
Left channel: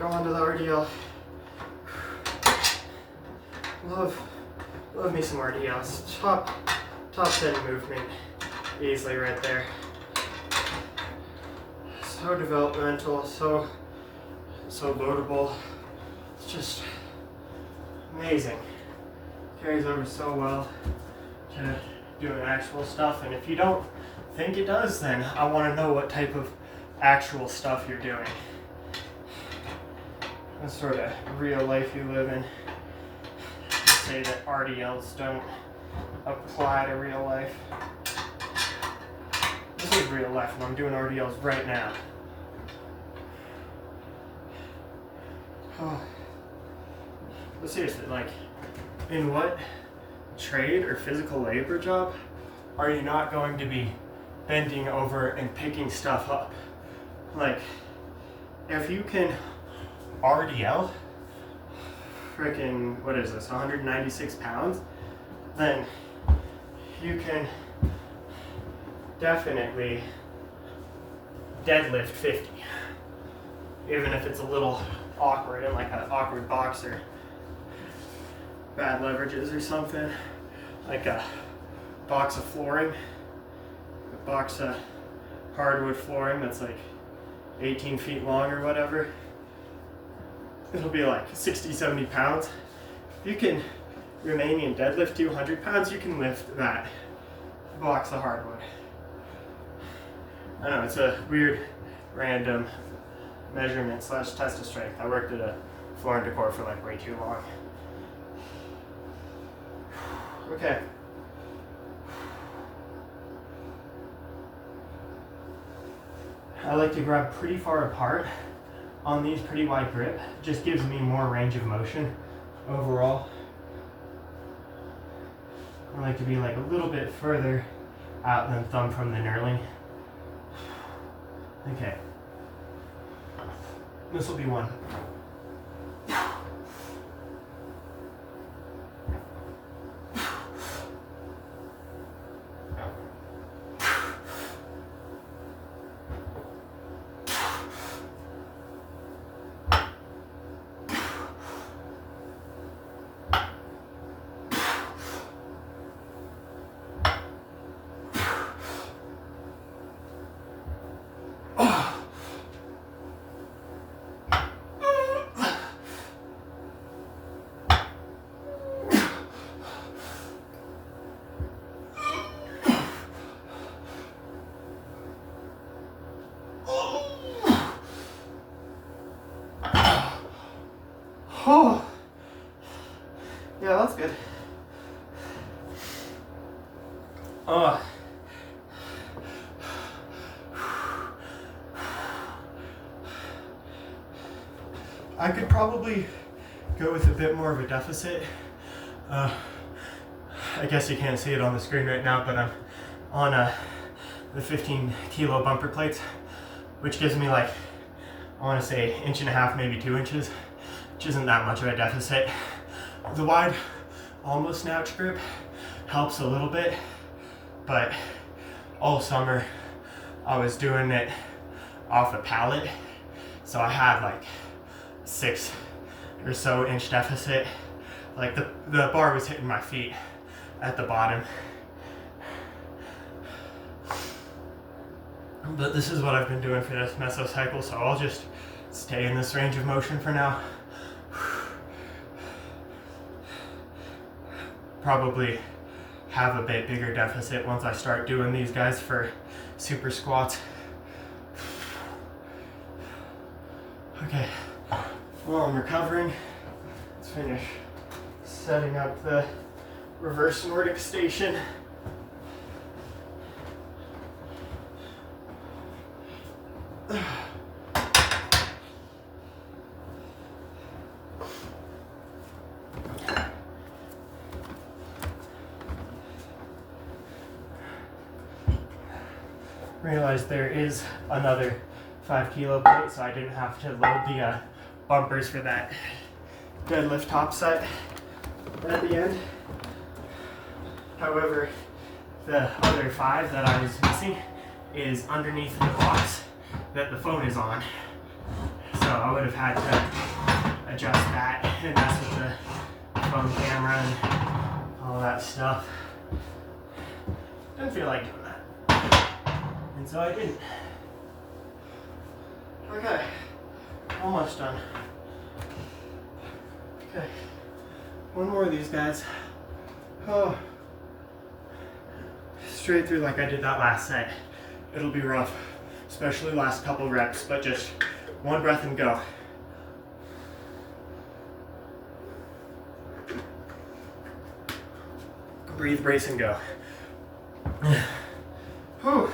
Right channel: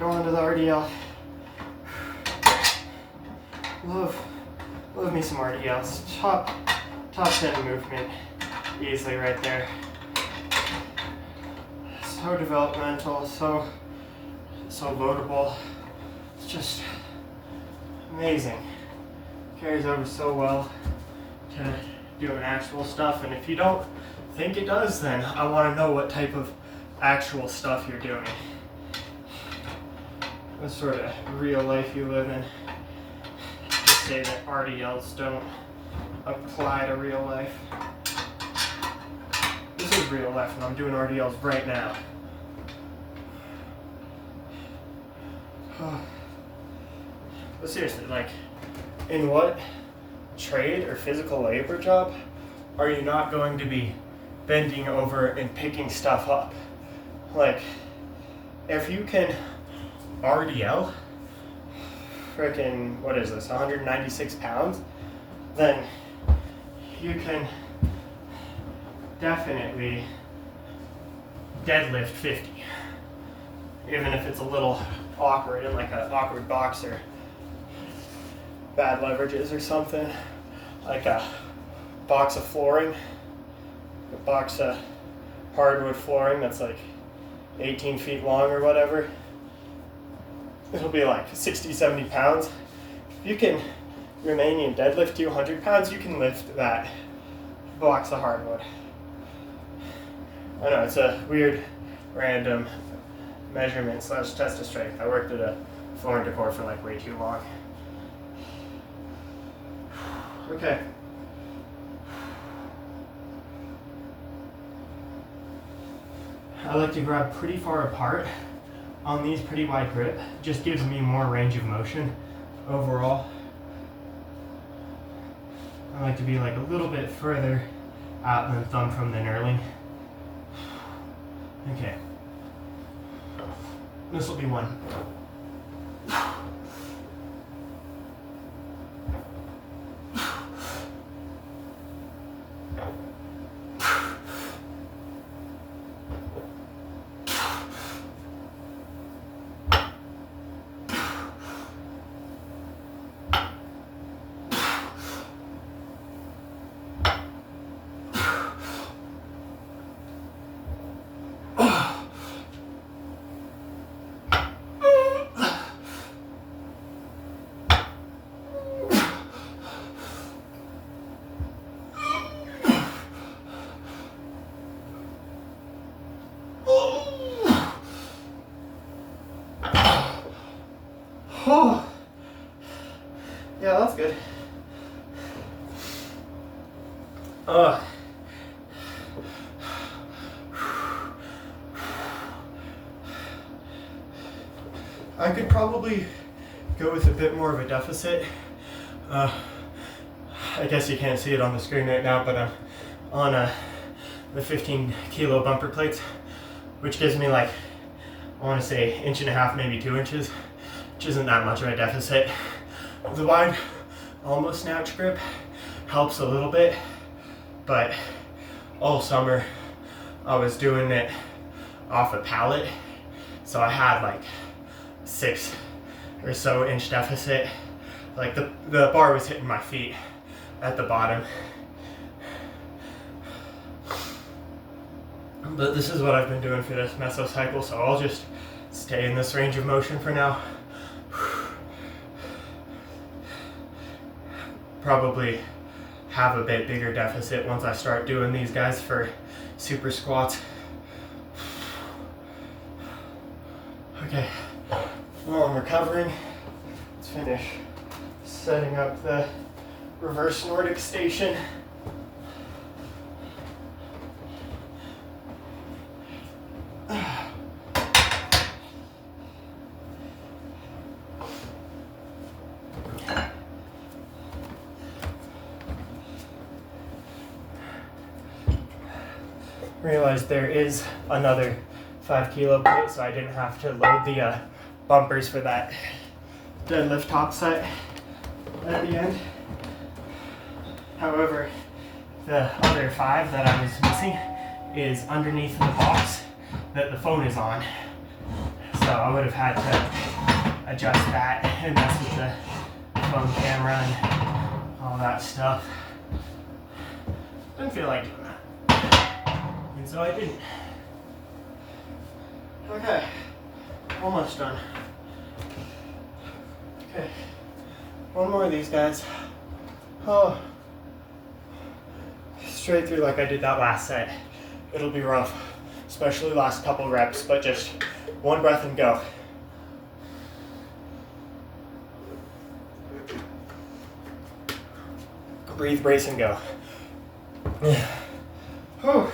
go on to the RDL. Love me some RDLs. Top 10 movement, easily right there. So developmental, so votable. It's just amazing. Carries over so well to doing actual stuff, and if you don't think it does, then I want to know what type of actual stuff you're doing. What sort of real life you live in. To say that RDLs don't apply to real life. This is real life, and I'm doing RDLs right now. But seriously, like, in what trade or physical labor job are you not going to be bending over and picking stuff up? Like, if you can RDL freaking, what is this, 196 pounds, then you can definitely deadlift 50. Even if it's a little awkward, in like an awkward box or bad leverages or something, like a box of flooring, a box of hardwood flooring that's like 18 feet long or whatever. It'll be like 60, 70 pounds. If you can Romanian deadlift 200 pounds, you can lift that box of hardwood. I know, it's a weird, random measurement / test of strength. I worked at a floor and decor for like way too long. Okay. I like to grab pretty far apart on these, pretty wide grip. Just gives me more range of motion overall. I like to be like a little bit further out than thumb from the knurling. Okay. This will be one. Oh, yeah, that's good. I could probably go with a bit more of a deficit. I guess you can't see it on the screen right now, but I'm on the 15 kilo bumper plates, which gives me like, I want to say 1.5 inches, maybe 2 inches, which isn't that much of a deficit. The wide, almost snatch grip helps a little bit, but all summer I was doing it off a pallet, so I had like 6 or so inch deficit. Like the bar was hitting my feet at the bottom. But this is what I've been doing for this mesocycle, so I'll just stay in this range of motion for now. Probably have a bit bigger deficit once I start doing these guys for super squats. Okay, well, I'm recovering. Let's finish setting up the reverse Nordic station. realized there is another 5 kilo plate, so I didn't have to load the bumpers for that deadlift top set at the end. However, the other 5 that I was missing is underneath the box that the phone is on. So I would have had to adjust that and mess with the phone camera and all that stuff. Didn't feel like doing that. And so I didn't. Okay, almost done. Okay, one more of these guys. Oh, straight through like I did that last set. It'll be rough, especially last couple reps, but just one breath and go. Breathe, brace, and go. Whew.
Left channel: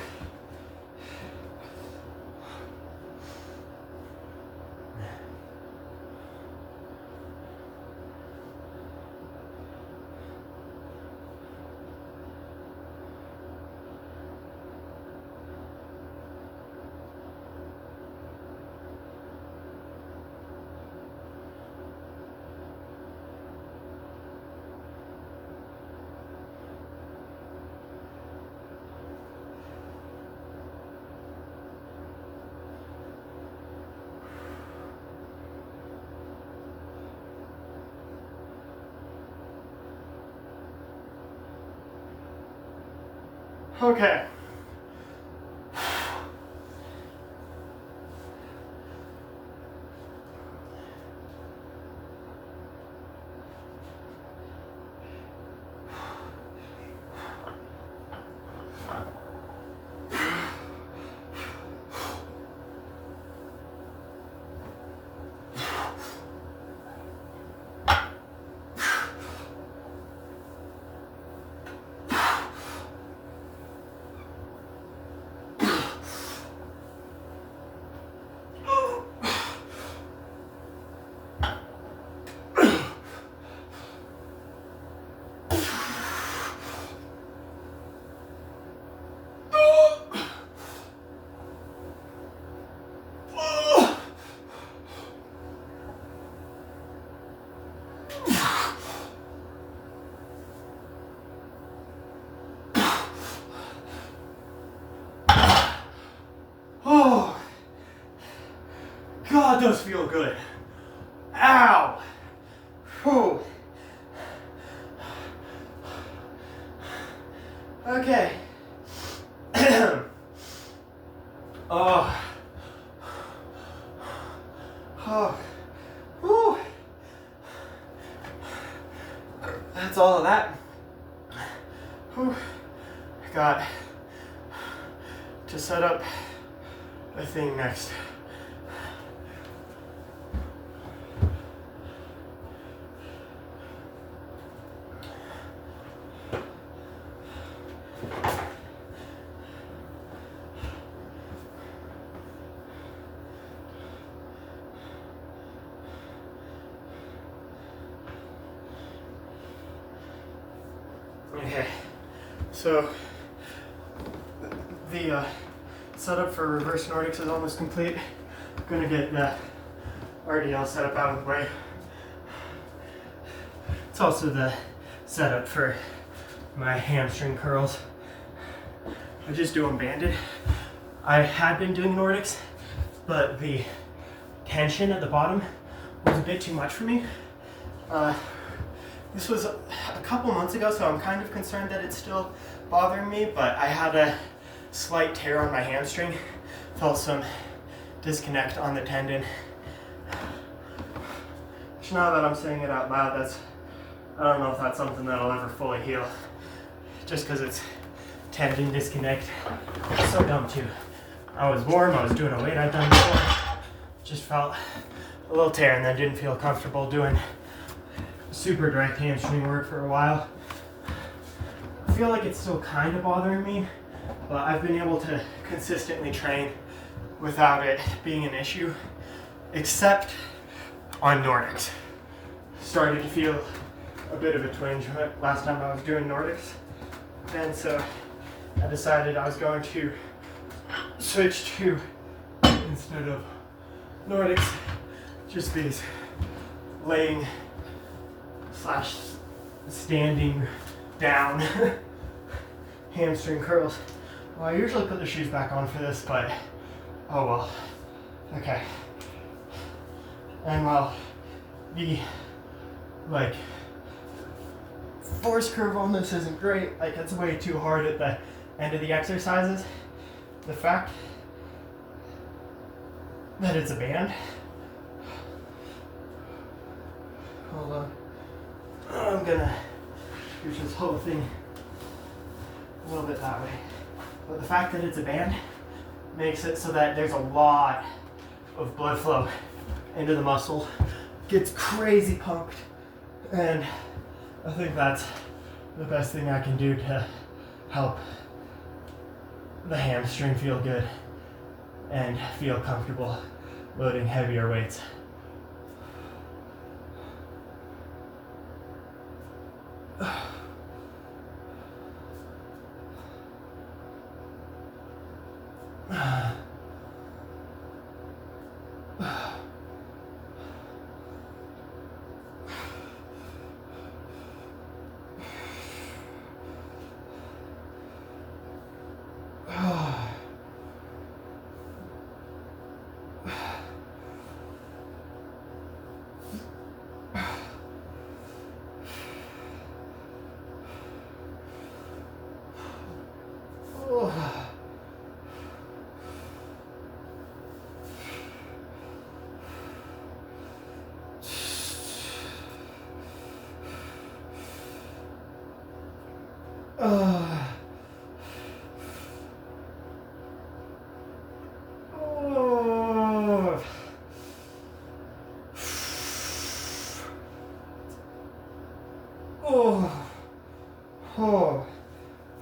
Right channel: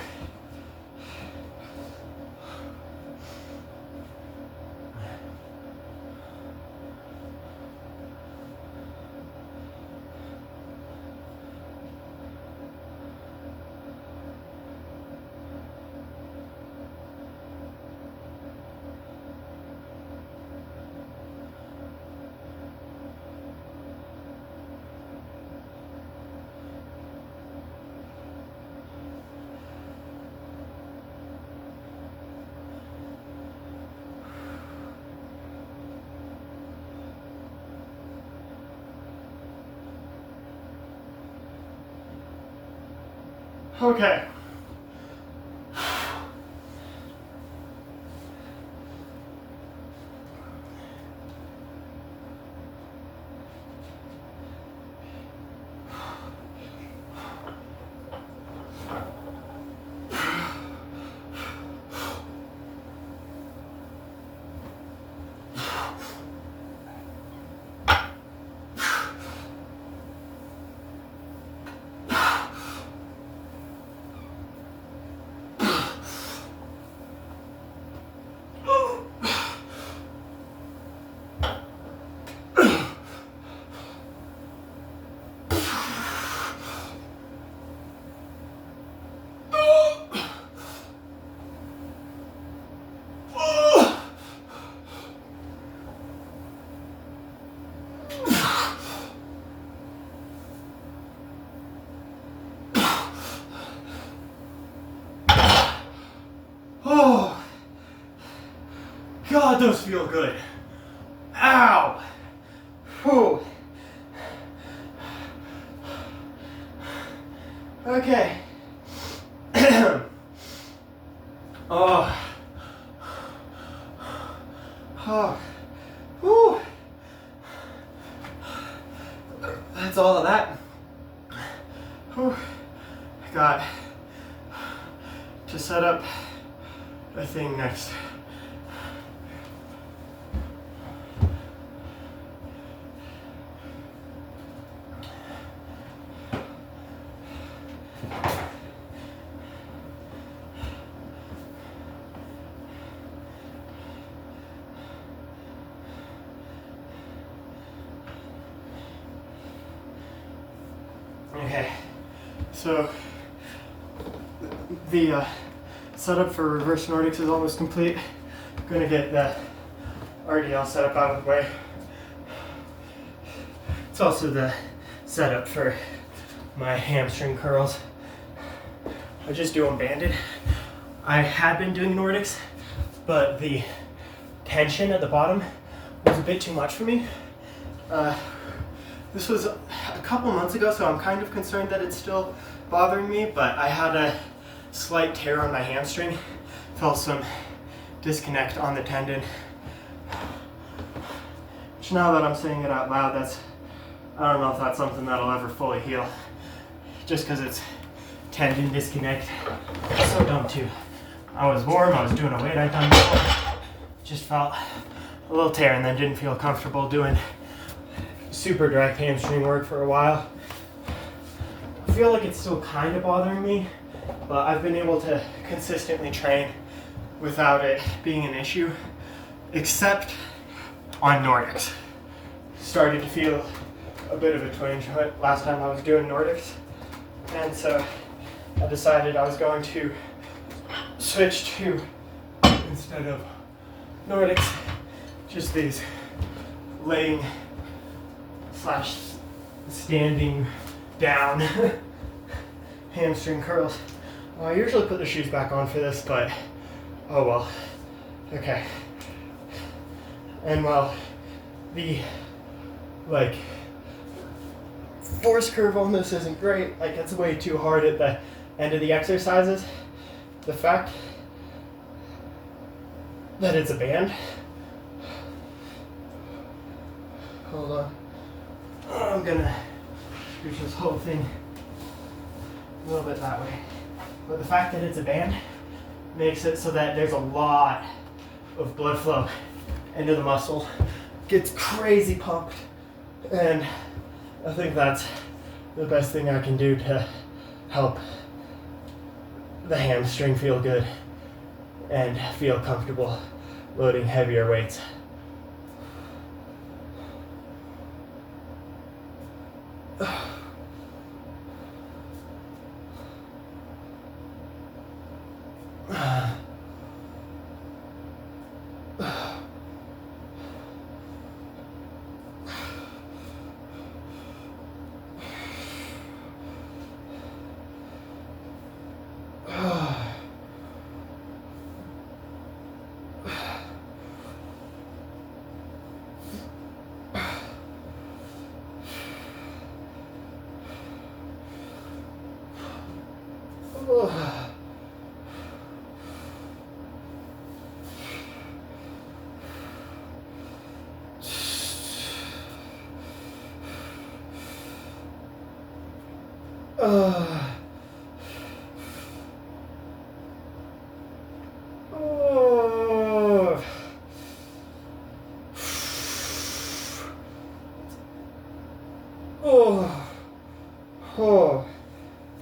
Okay. Oh, God, those feel good. Ow. Whew. Okay. Oh. Oh. Whew. That's all of that. Whew. I got to set up a thing next. Okay, so the setup for reverse Nordics is almost complete. I'm gonna get the RDL setup out of the way. It's also the setup for my hamstring curls. I just do them banded. I had been doing Nordics, but the tension at the bottom was a bit too much for me. This was a couple months ago, so I'm kind of concerned that it's still bothering me, but I had a slight tear on my hamstring. Felt some disconnect on the tendon. Which now that I'm saying it out loud, I don't know if that's something that'll ever fully heal. Just because it's tendon disconnect. It's so dumb too. I was warm, I was doing a weight I'd done before. Just felt a little tear and then didn't feel comfortable doing super direct hamstring work for a while. I feel like it's still kind of bothering me, but I've been able to consistently train without it being an issue, except on Nordics. Started to feel a bit of a twinge last time I was doing Nordics, and so I decided I was going to switch to, instead of Nordics, just these laying slash standing down hamstring curls. Well, I usually put the shoes back on for this, but oh well. Okay. And while the like force curve on this isn't great, like it's way too hard at the end of the exercises, the fact that it's a band. Hold on. I'm gonna push this whole thing a little bit that way. But the fact that it's a band makes it so that there's a lot of blood flow into the muscle. Gets crazy pumped. And I think that's the best thing I can do to help the hamstring feel good and feel comfortable loading heavier weights.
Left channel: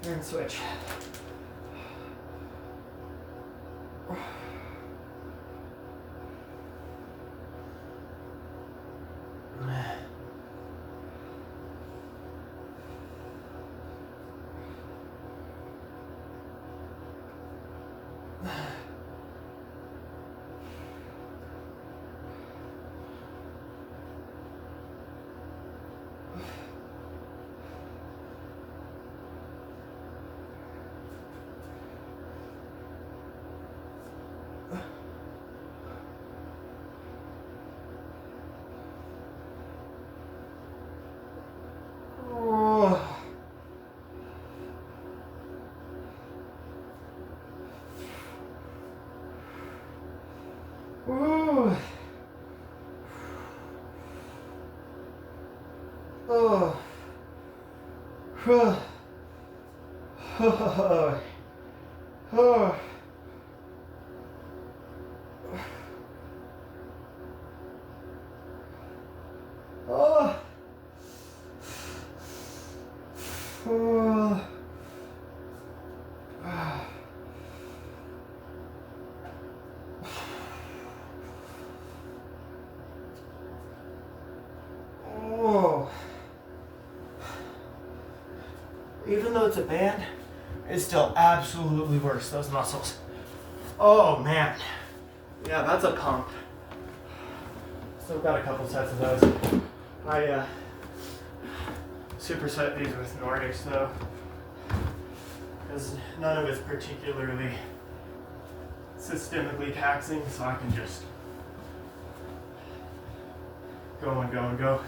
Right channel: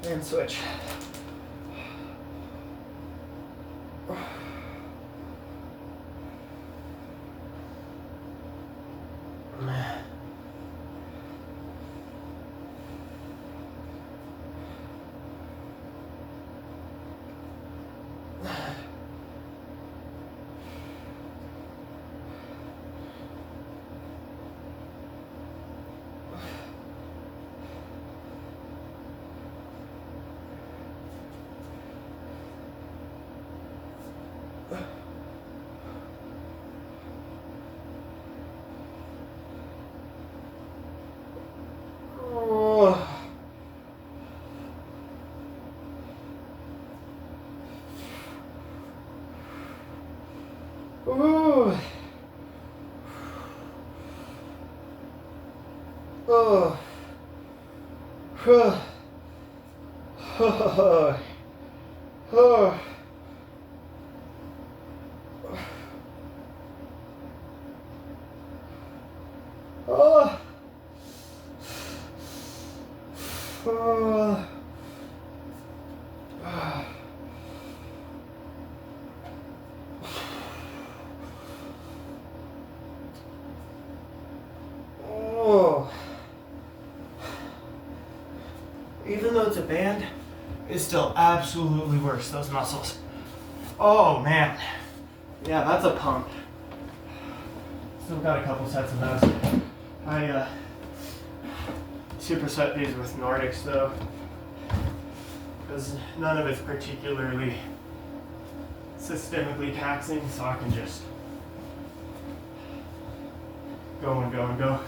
And switch. Ooh. Oh. Oh. Oh. Oh. Oh. Oh. Oh. Even though it's a band, it still absolutely works those muscles. Oh man. Yeah, that's a pump. Still got a couple sets of those. I superset these with Nordics though, because none of it's particularly systemically taxing, so I can just go and go and go.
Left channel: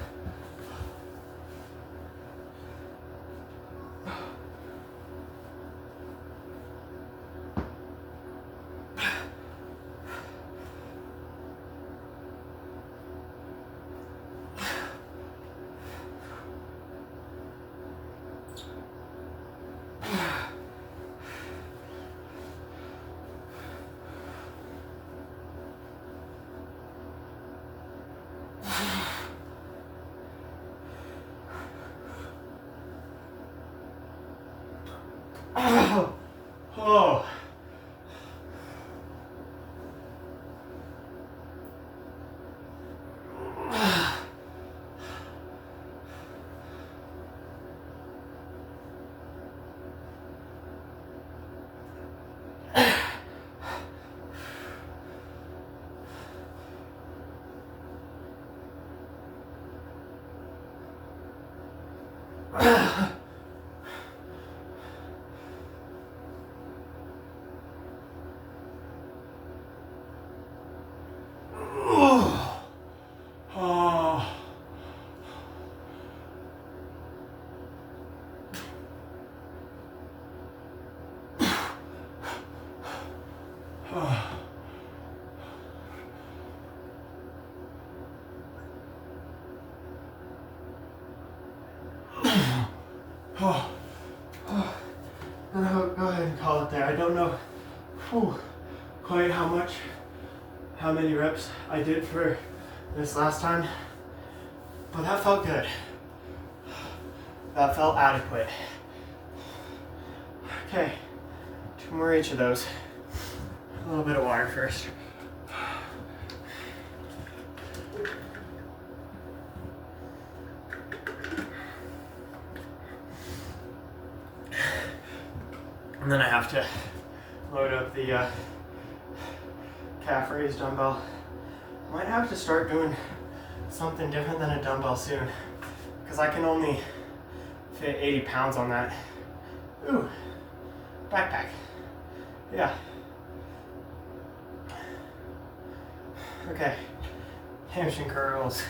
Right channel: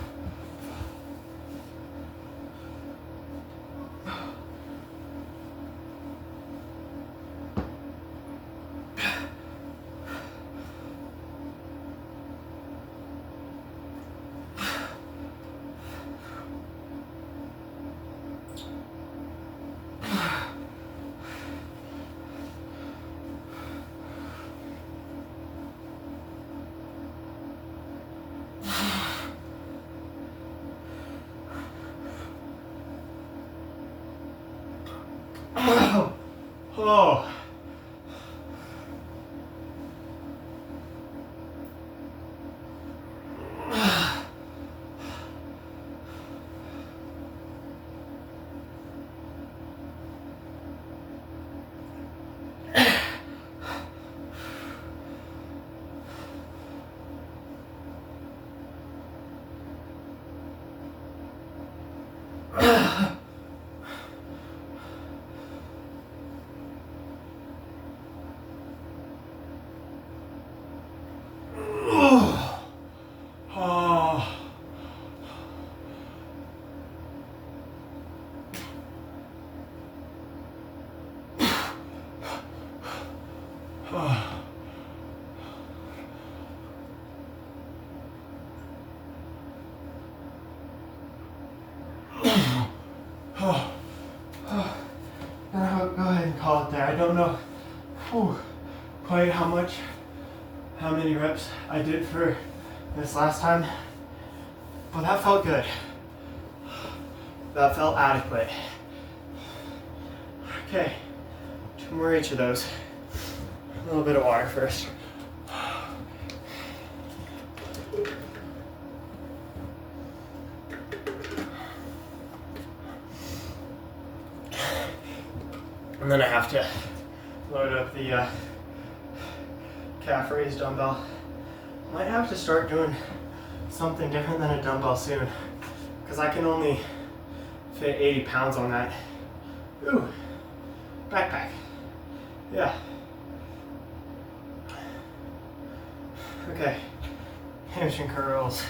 Go ahead and call it there. I don't know quite how many reps I did for this last time, but that felt good. That felt adequate. Okay, 2 more each of those. A little bit of water first. And then I have to load up the calf raised dumbbell. I might have to start doing something different than a dumbbell soon, because I can only fit 80 pounds on that. Ooh, backpack. Yeah. Okay, hamstring curls.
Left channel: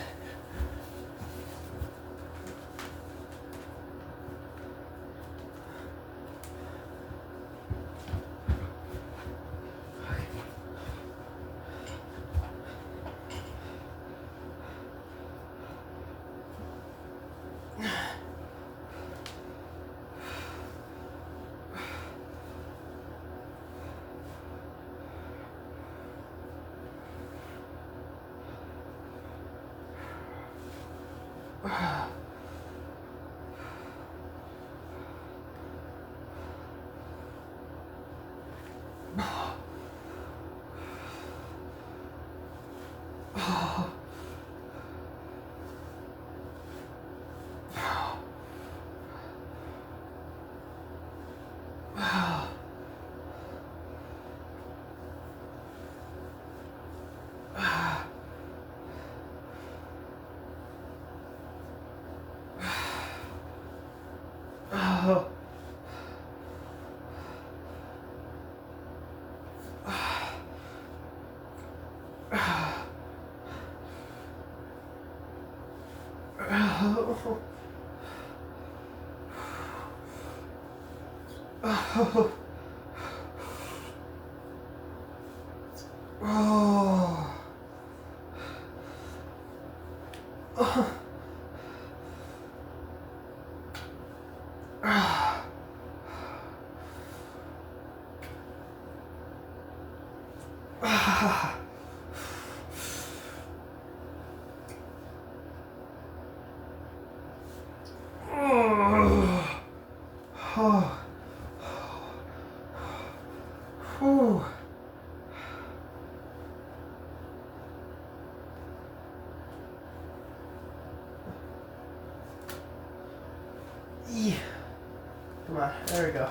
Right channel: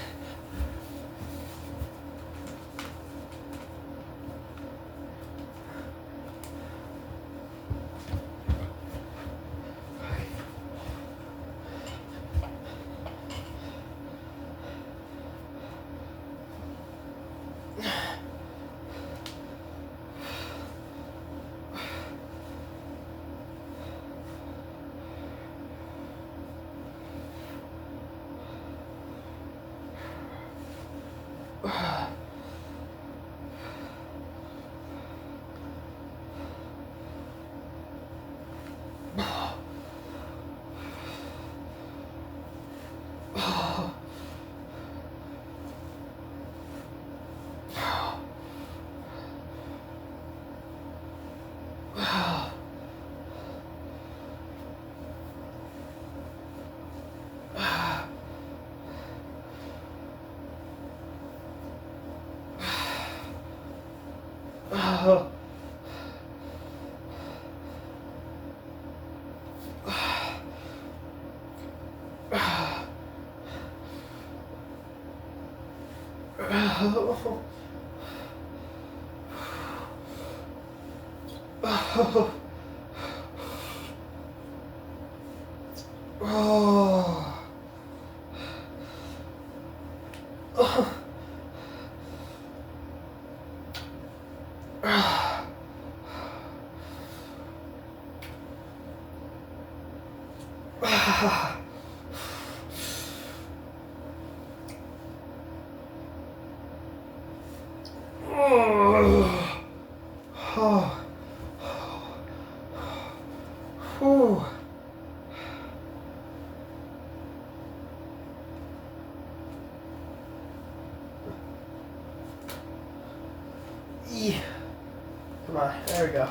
Come on, there we go.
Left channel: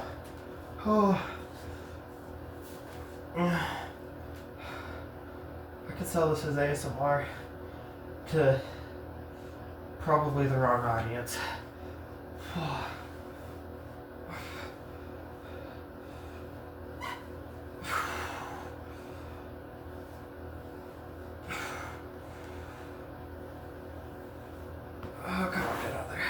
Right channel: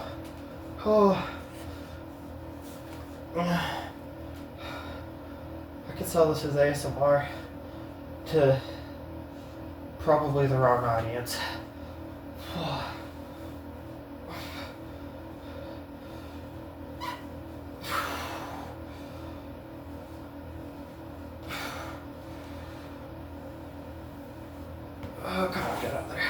I could sell this as ASMR to probably the wrong audience. Come on, get out there.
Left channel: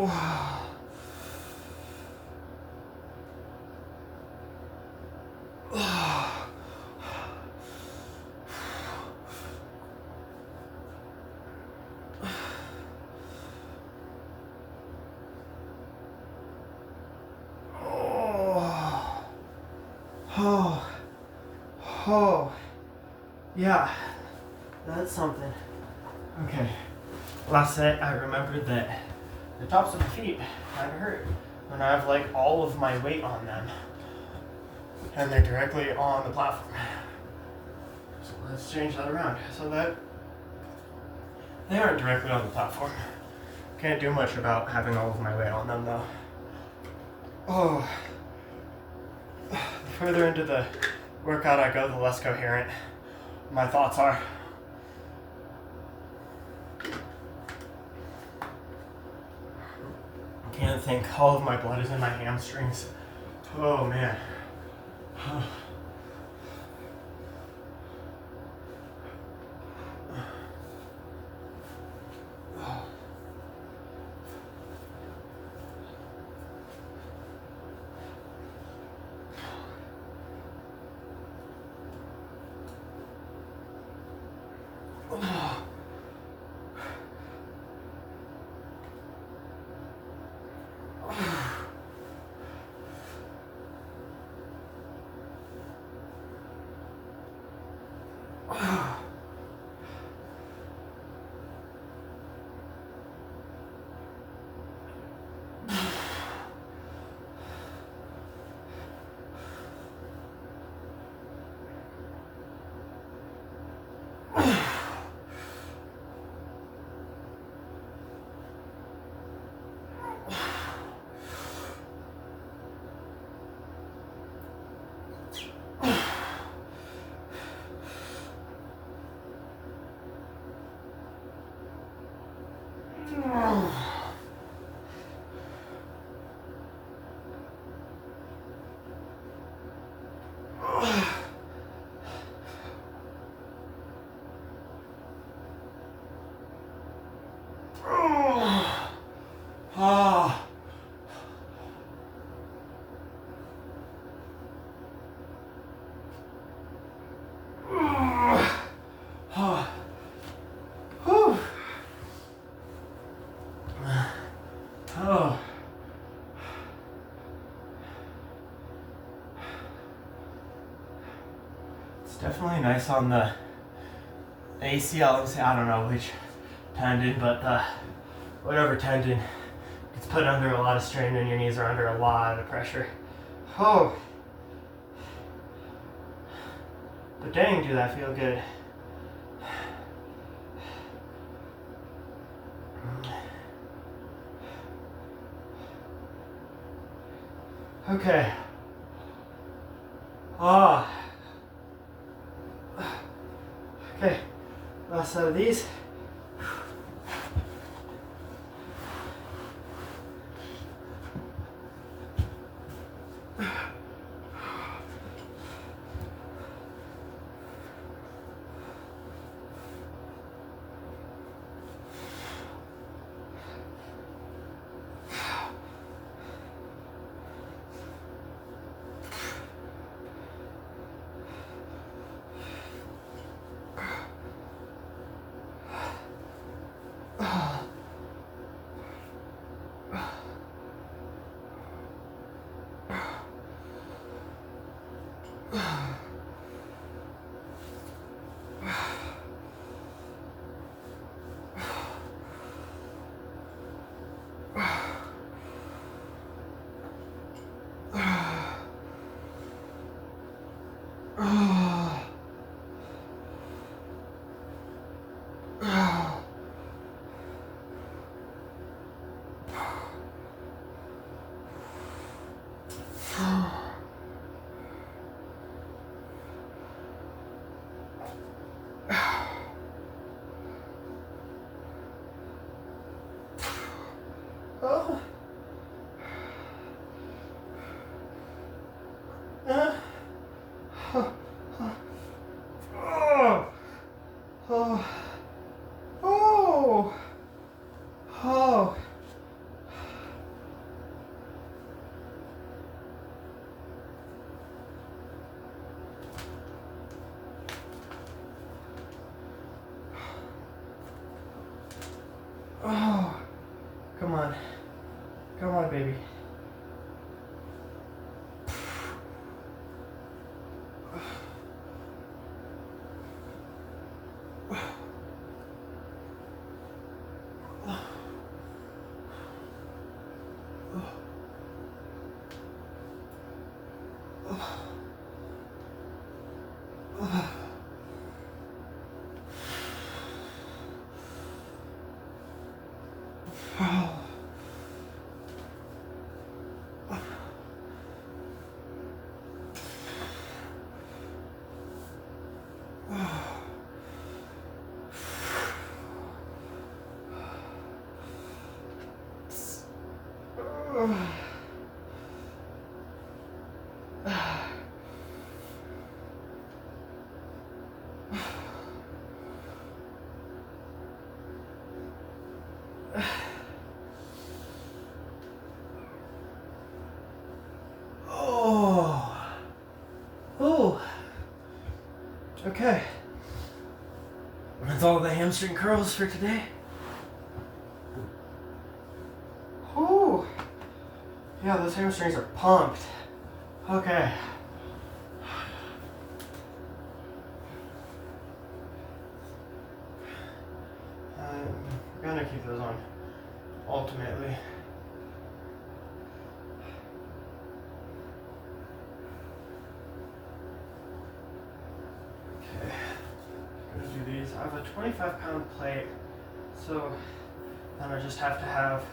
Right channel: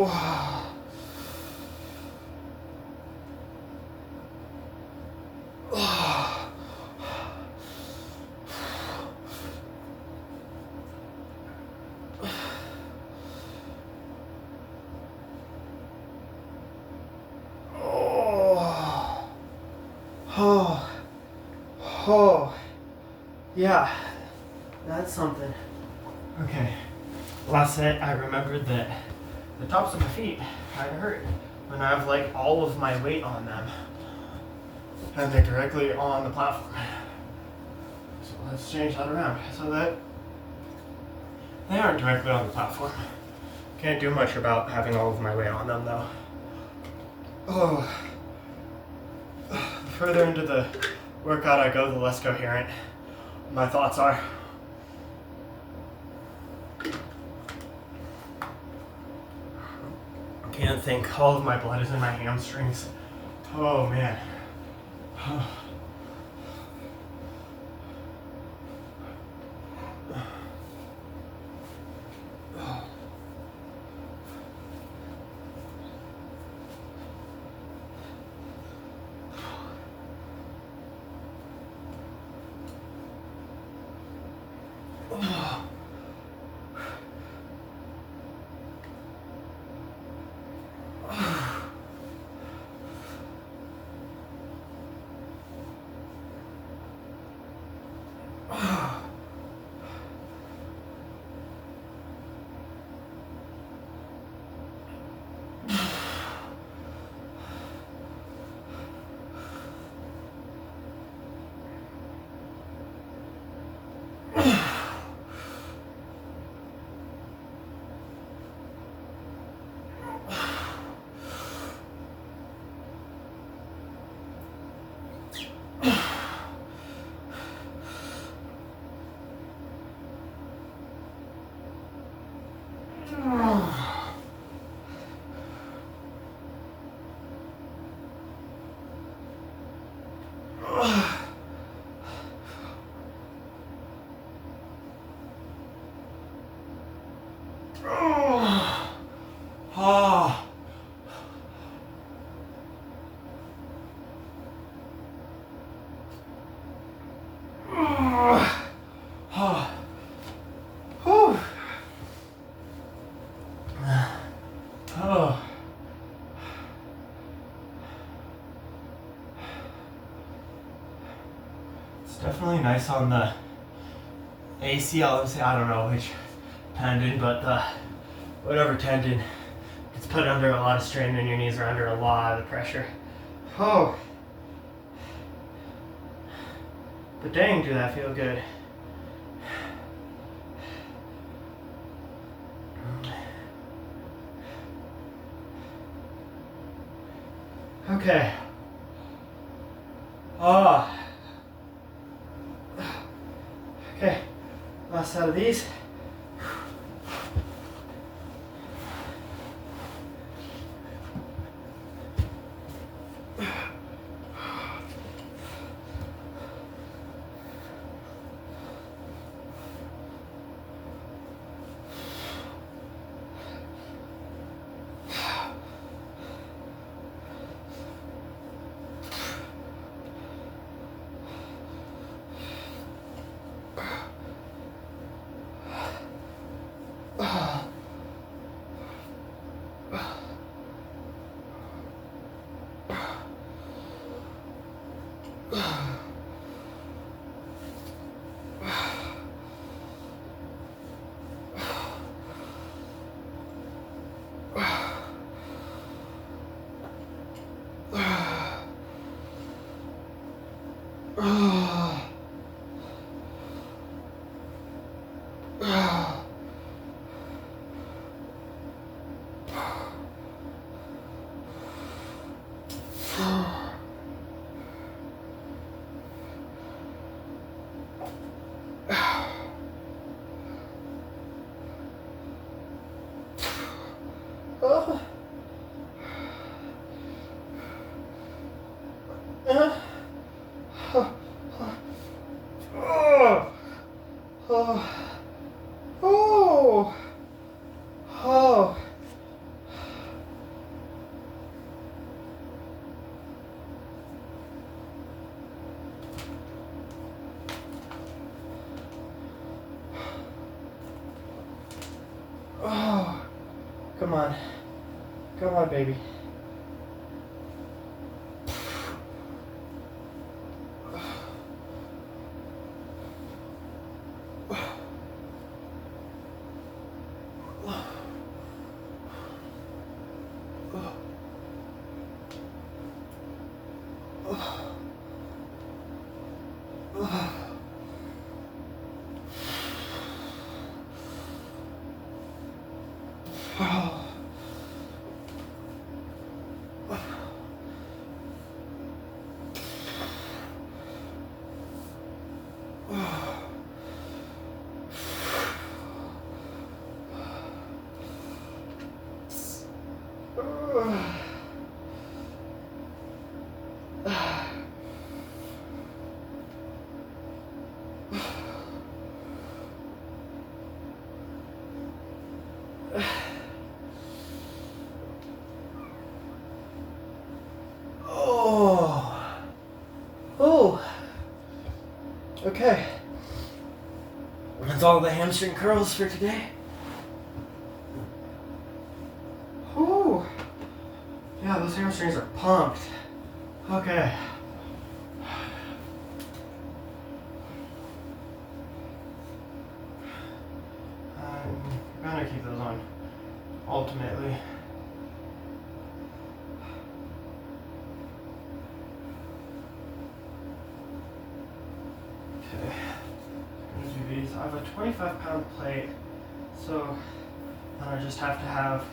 Oh. Oh. Oh. Oh. Yeah. That's something. Okay. Last set, I remembered that the tops of my feet kind of hurt when I have like all of my weight on them and they're directly on the platform. So let's change that around so that they aren't directly on the platform. Can't do much about having all of my weight on them though. Oh. The further into the workout I go, the less coherent my thoughts are. Can't think. All of my blood is in my hamstrings. Oh man. Definitely nice on the ACL. I don't know which tendon, but the whatever tendon gets put under a lot of strain when your knees are under a lot of pressure. Oh, but dang, do that feel good. Okay. Okay, last set of these. Come on. Come on, baby. Okay. That's all the hamstring curls for today. Whew. Yeah, those hamstrings are pumped. Okay. I'm gonna keep those on, ultimately. Okay, I'm gonna do these. I have a 25-pound plate, so then I just have to have,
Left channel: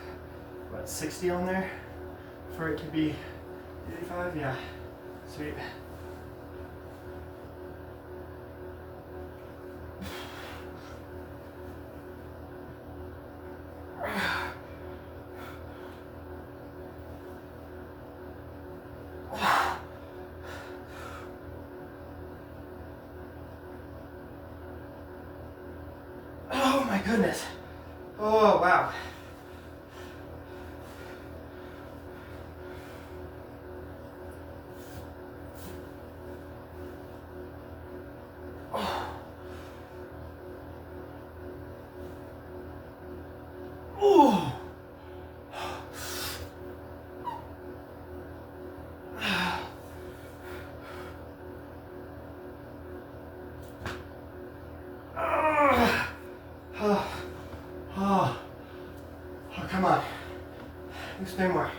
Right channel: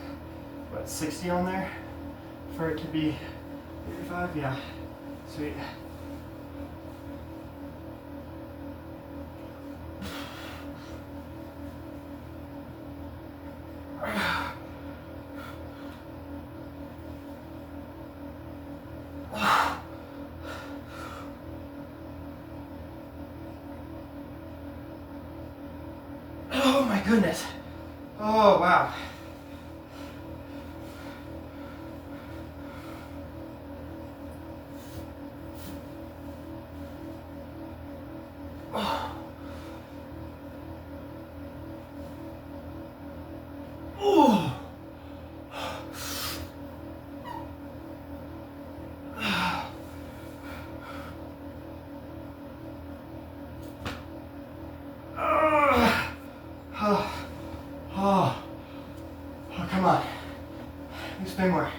what, 60 on there for it to be 85? Yeah, sweet. Oh my goodness. Oh wow. Oh. Oh. Oh, come on. Spin more.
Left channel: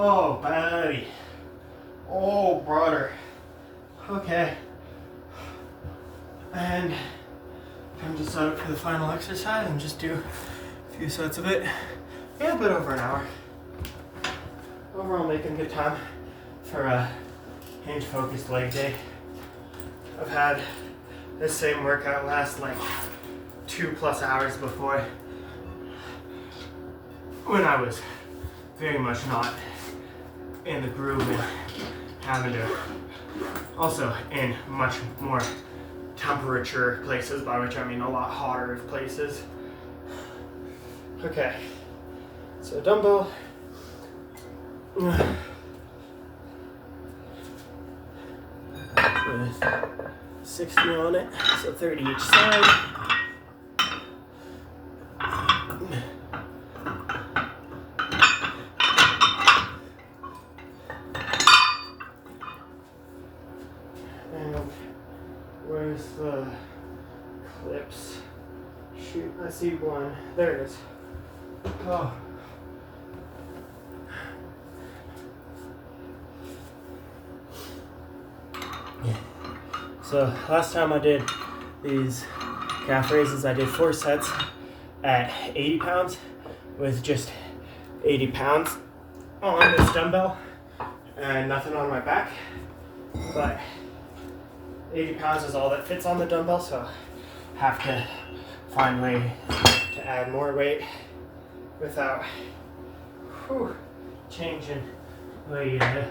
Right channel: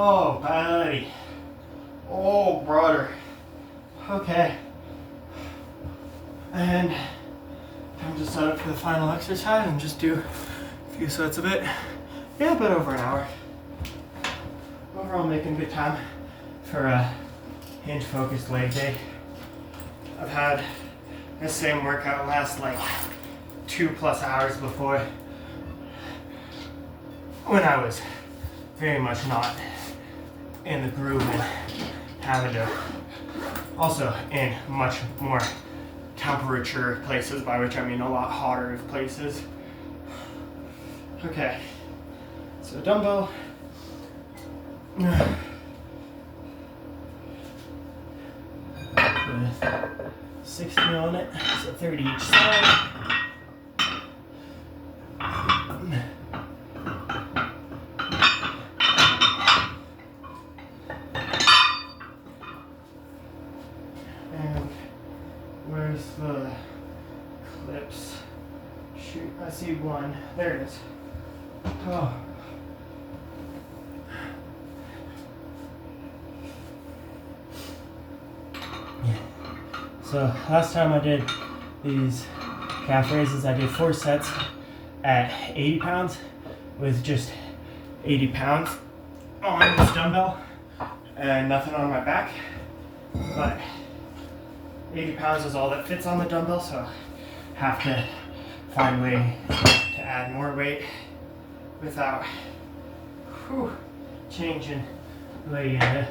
Oh, buddy. Oh, brother. Okay. And I'm just set up for the final exercise and just do a few sets of it. Yeah, a bit over an hour. Overall, making good time for a hinge-focused leg day. I've had this same workout last like 2+ hours before, when I was very much not in the groove and having to, also in much more temperature places, by which I mean a lot hotter places. Okay, so dumbbell. With 60 on it, so 30 each side. And where's the clips? Shoot, I see one. There it is. Oh. Yeah. So last time I did these calf raises, I did 4 sets at 80 pounds with just 80 pounds on this dumbbell and nothing on my back. But 80 pounds is all that fits on the dumbbell, so I have to find a way to add more weight without changing the way you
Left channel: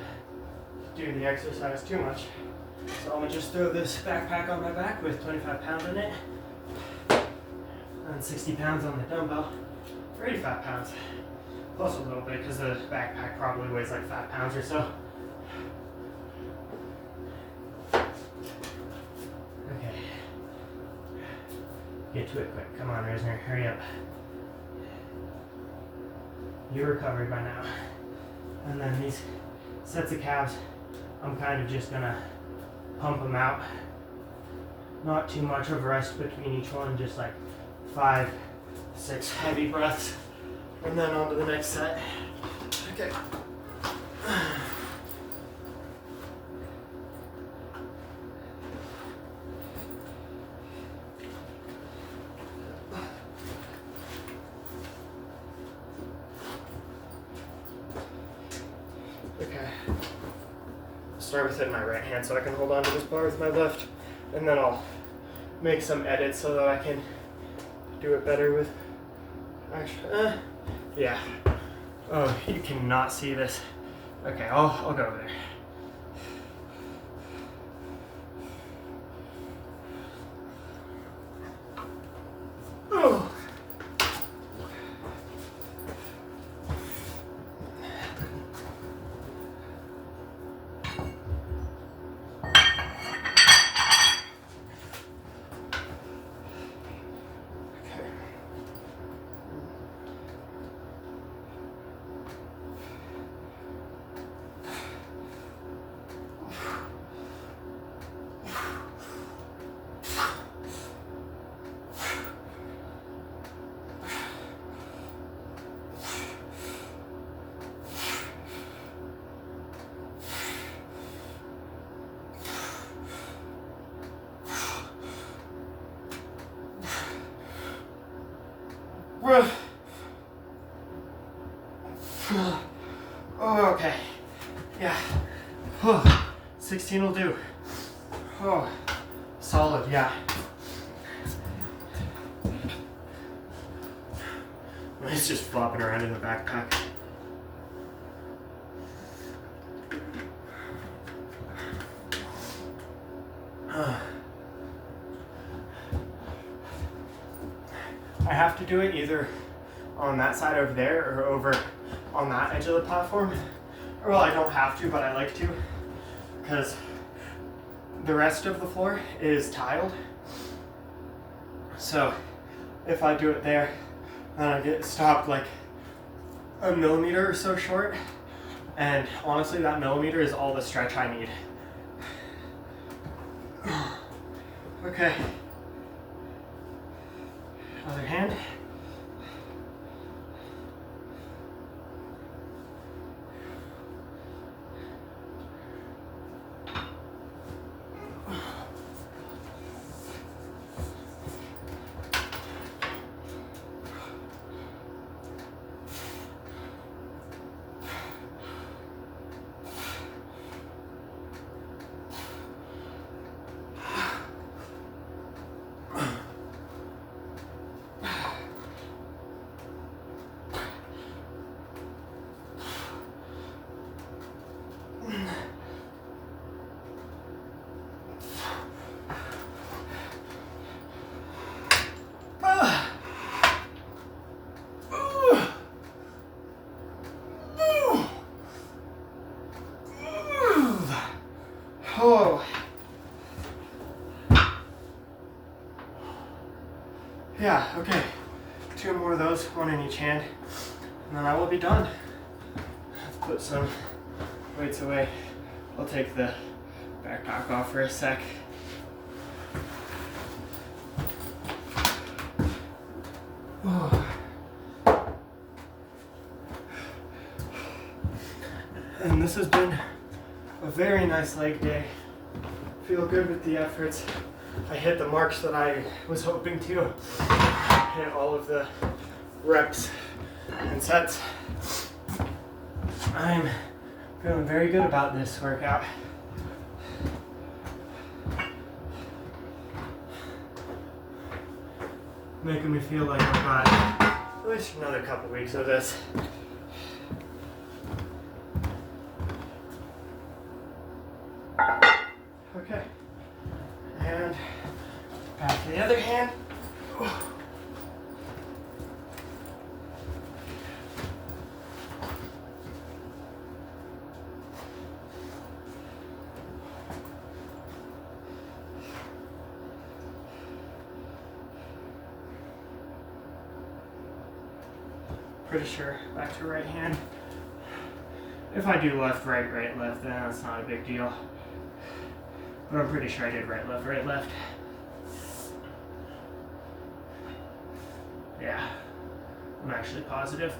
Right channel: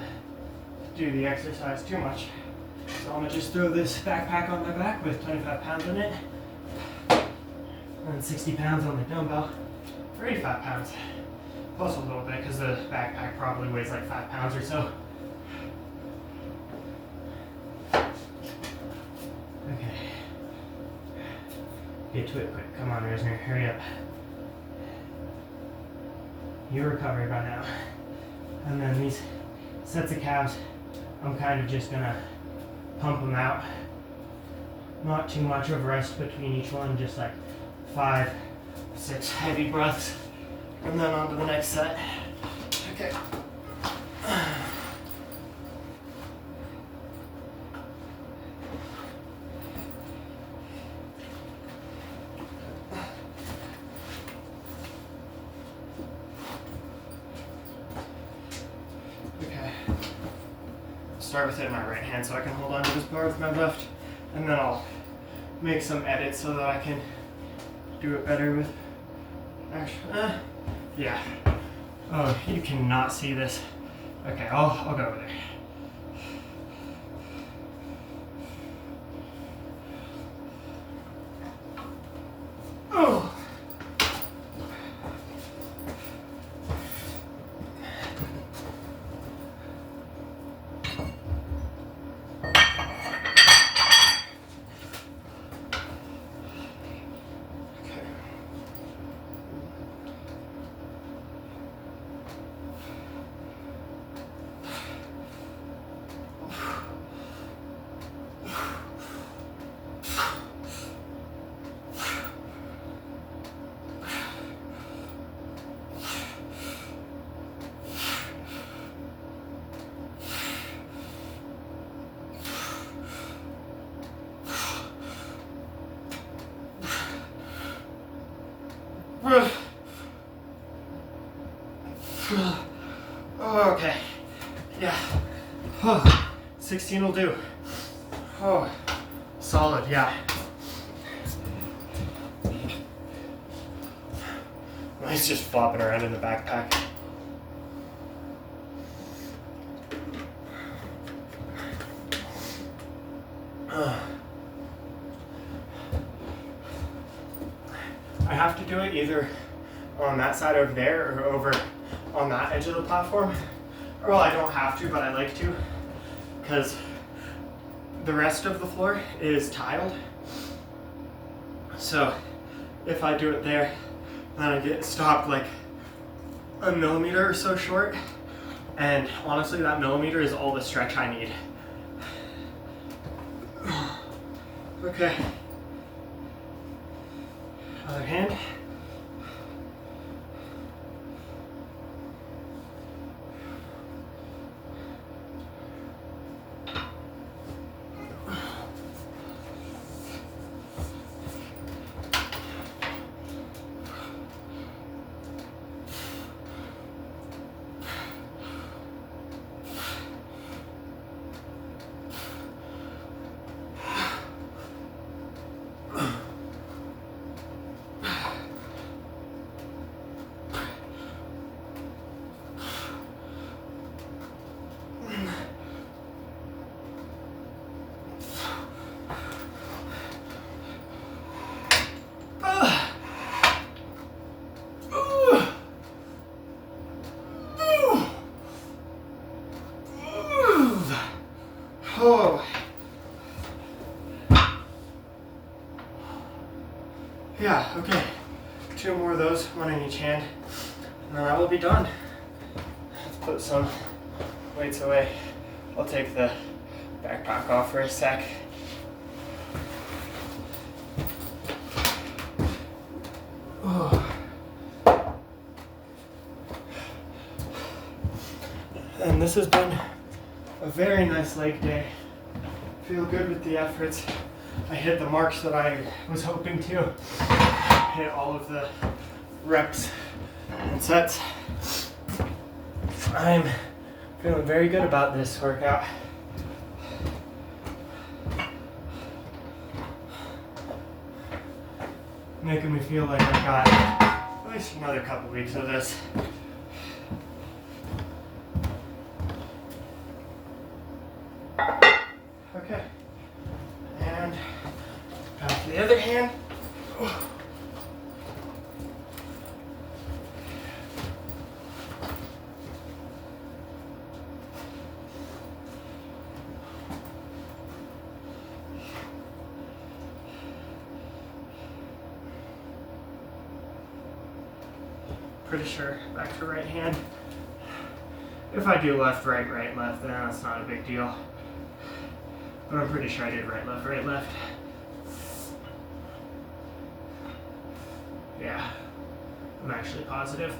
do the exercise too much. So I'm gonna just throw this backpack on my back with 25 pounds in it, and 60 pounds on the dumbbell for 85 pounds. Plus a little bit because the backpack probably weighs like 5 pounds or so. Okay. Get to it quick. Come on, Risner, hurry up. You're recovered by now. And then these sets of calves, I'm kind of just gonna pump them out. Not too much of a rest between each one, just like 5, 6 heavy breaths. And then on to the next set. Okay. Okay. Start with it in my right hand so I can hold on to this bar with my left. And then I'll make some edits so that I can do it better with actually. Yeah. Oh, you cannot see this. Okay, I'll go over there. Oh. Oh, okay. Yeah. Oh, 16 will do. Oh, solid, yeah. He's just flopping around in the backpack. I have to do it either on that side over there or over on that edge of the platform. Or well, I don't have to, but I like to, because the rest of the floor is tiled. So if I do it there, then I get stopped like a millimeter or so short. And honestly, that millimeter is all the stretch I need. Okay. Other hand. Oh. Yeah, okay. 2 more of those, 1 in each hand, and then I will be done. Let's put some weights away. I'll take the backpack off for a sec. Oh. And this has been a very nice leg day. Feel good with the efforts. I hit the marks that I was hoping to. Hit all of the reps and sets. I'm feeling very good about this workout. Making me feel like I've got at least another couple weeks of this. Okay. The other hand. Pretty sure back to right hand. If I do left, right, right, left, then that's not a big deal. But I'm pretty sure I did right, left. Yeah, I'm actually positive.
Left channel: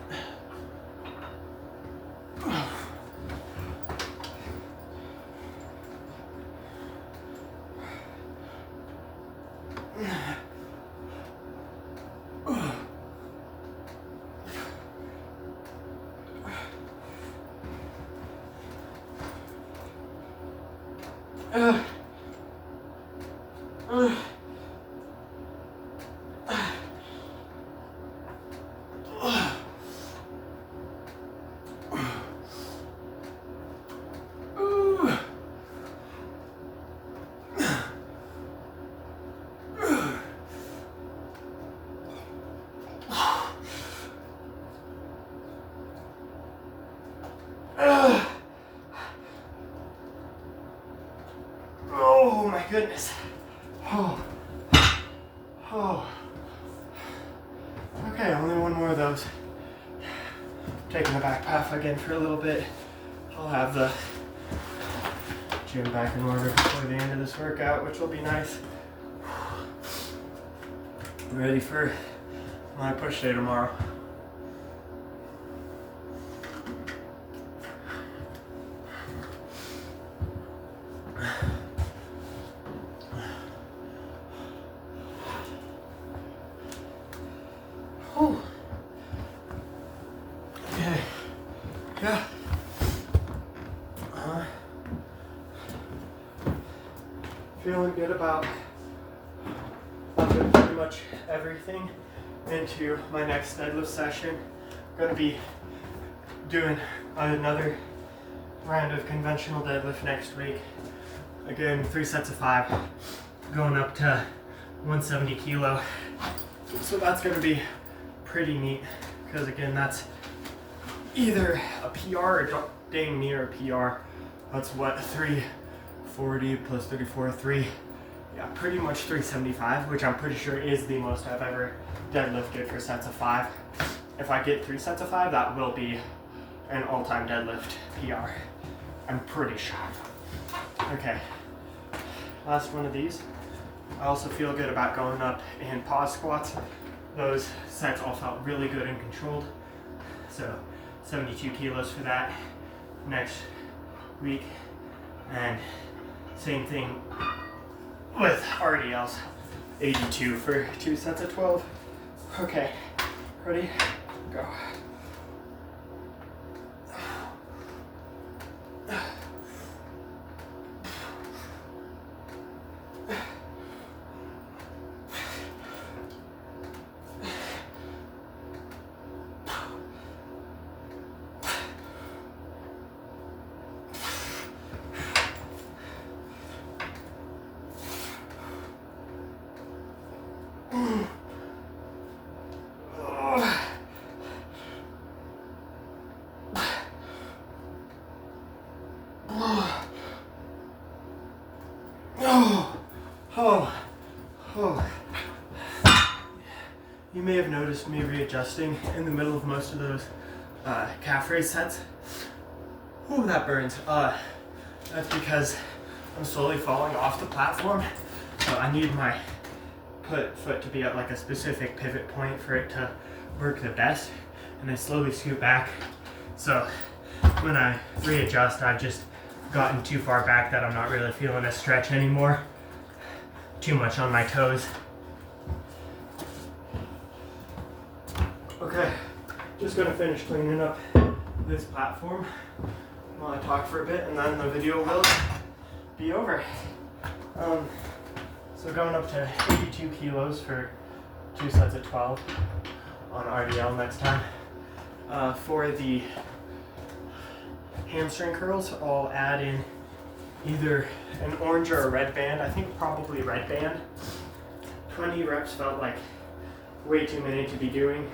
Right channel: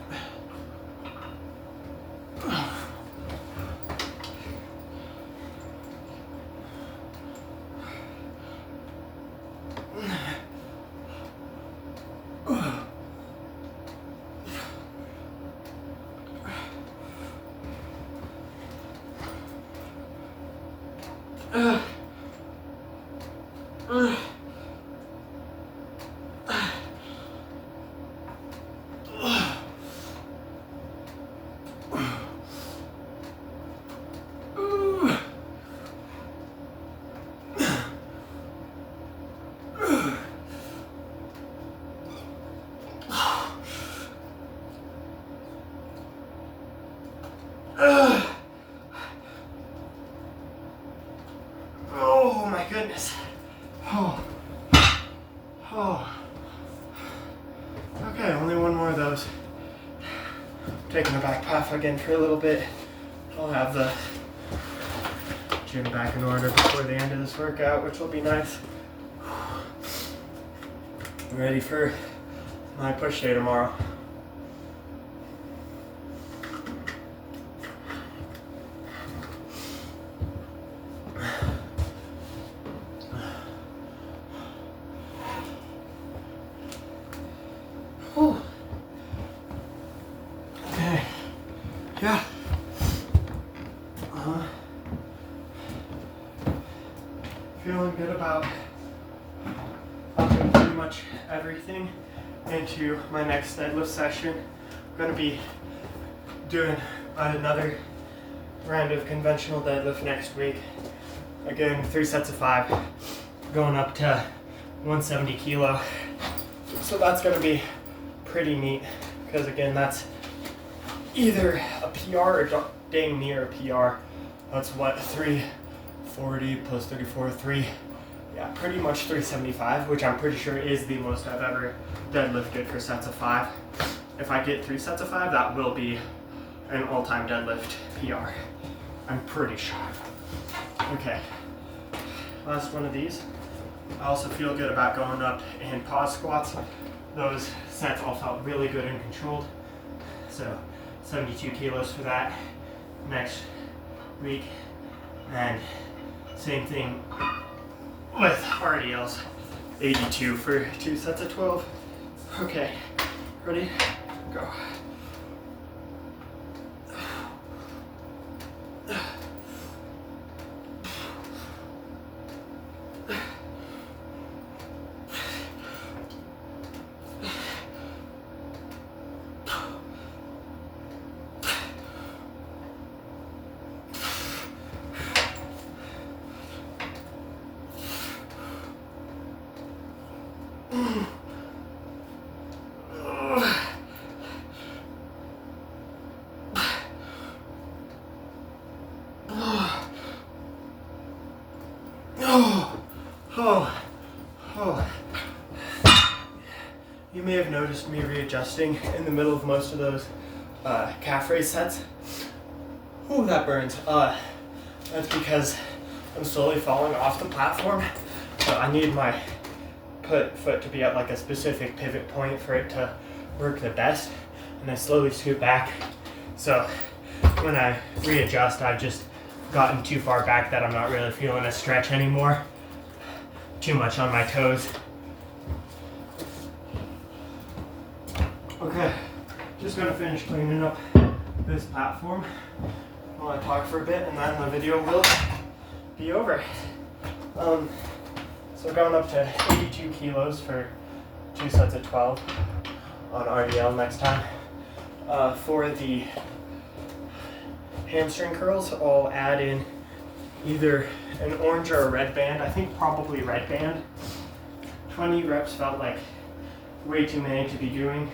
Oh my goodness. Oh. Okay, only one more of those. Taking the back path again for a little bit. I'll have the gym back in order before the end of this workout, which will be nice. Ready for my push day tomorrow. Okay. Yeah. Feeling good about doing pretty much everything into my next deadlift session. I'm going to be doing another round of conventional deadlift next week. Again, 3 sets of 5, going up to 170 kilo. So that's going to be pretty neat because again, that's either a PR or dang near a PR. That's what, 340 plus 34, pretty much 375, which I'm pretty sure is the most I've ever deadlifted for sets of 5. If I get 3 sets of 5, that will be an all-time deadlift PR. I'm pretty sure. Okay, last one of these. I also feel good about going up in pause squats. Those sets all felt really good and controlled. So 72 kilos for that next week. And same thing with RDLs, 82 for 2 sets of 12. Okay, ready? Go. You may have noticed me readjusting in the middle of most of those calf raise sets. Ooh, that burns. That's because I'm slowly falling off the platform. So I need my foot to be at like a specific pivot point for it to work the best. And I slowly scoot back. So when I readjust, I've just gotten too far back that I'm not really feeling a stretch anymore. Too much on my toes. Okay, just gonna finish cleaning up this platform while I talk for a bit, and then the video will be over. So going up to 82 kilos for 2 sets of 12 on RDL next time. For the hamstring curls, I'll add in either an orange or a red band. I think probably red band 20 reps felt like way too many to be doing,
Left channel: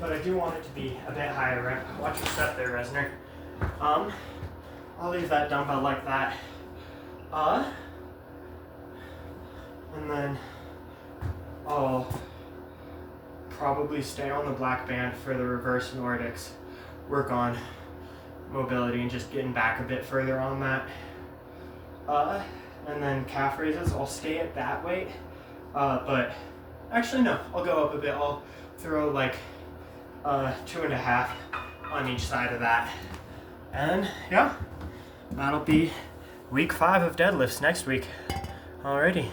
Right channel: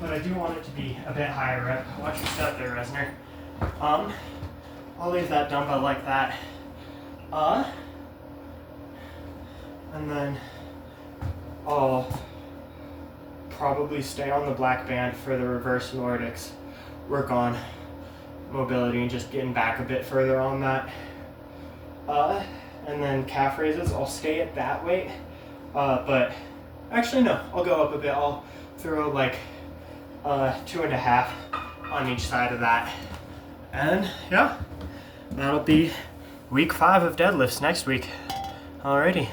but I do want it to be a bit higher rep. Watch your step there, Resner. I'll leave that dumbbell like that. And then I'll probably stay on the black band for the reverse Nordics. Work on mobility and just getting back a bit further on that. And then calf raises, I'll stay at that weight. But actually no, I'll go up a bit. I'll throw like 2.5 on each side of that. And yeah, that'll be week 5 of deadlifts next week. Alrighty.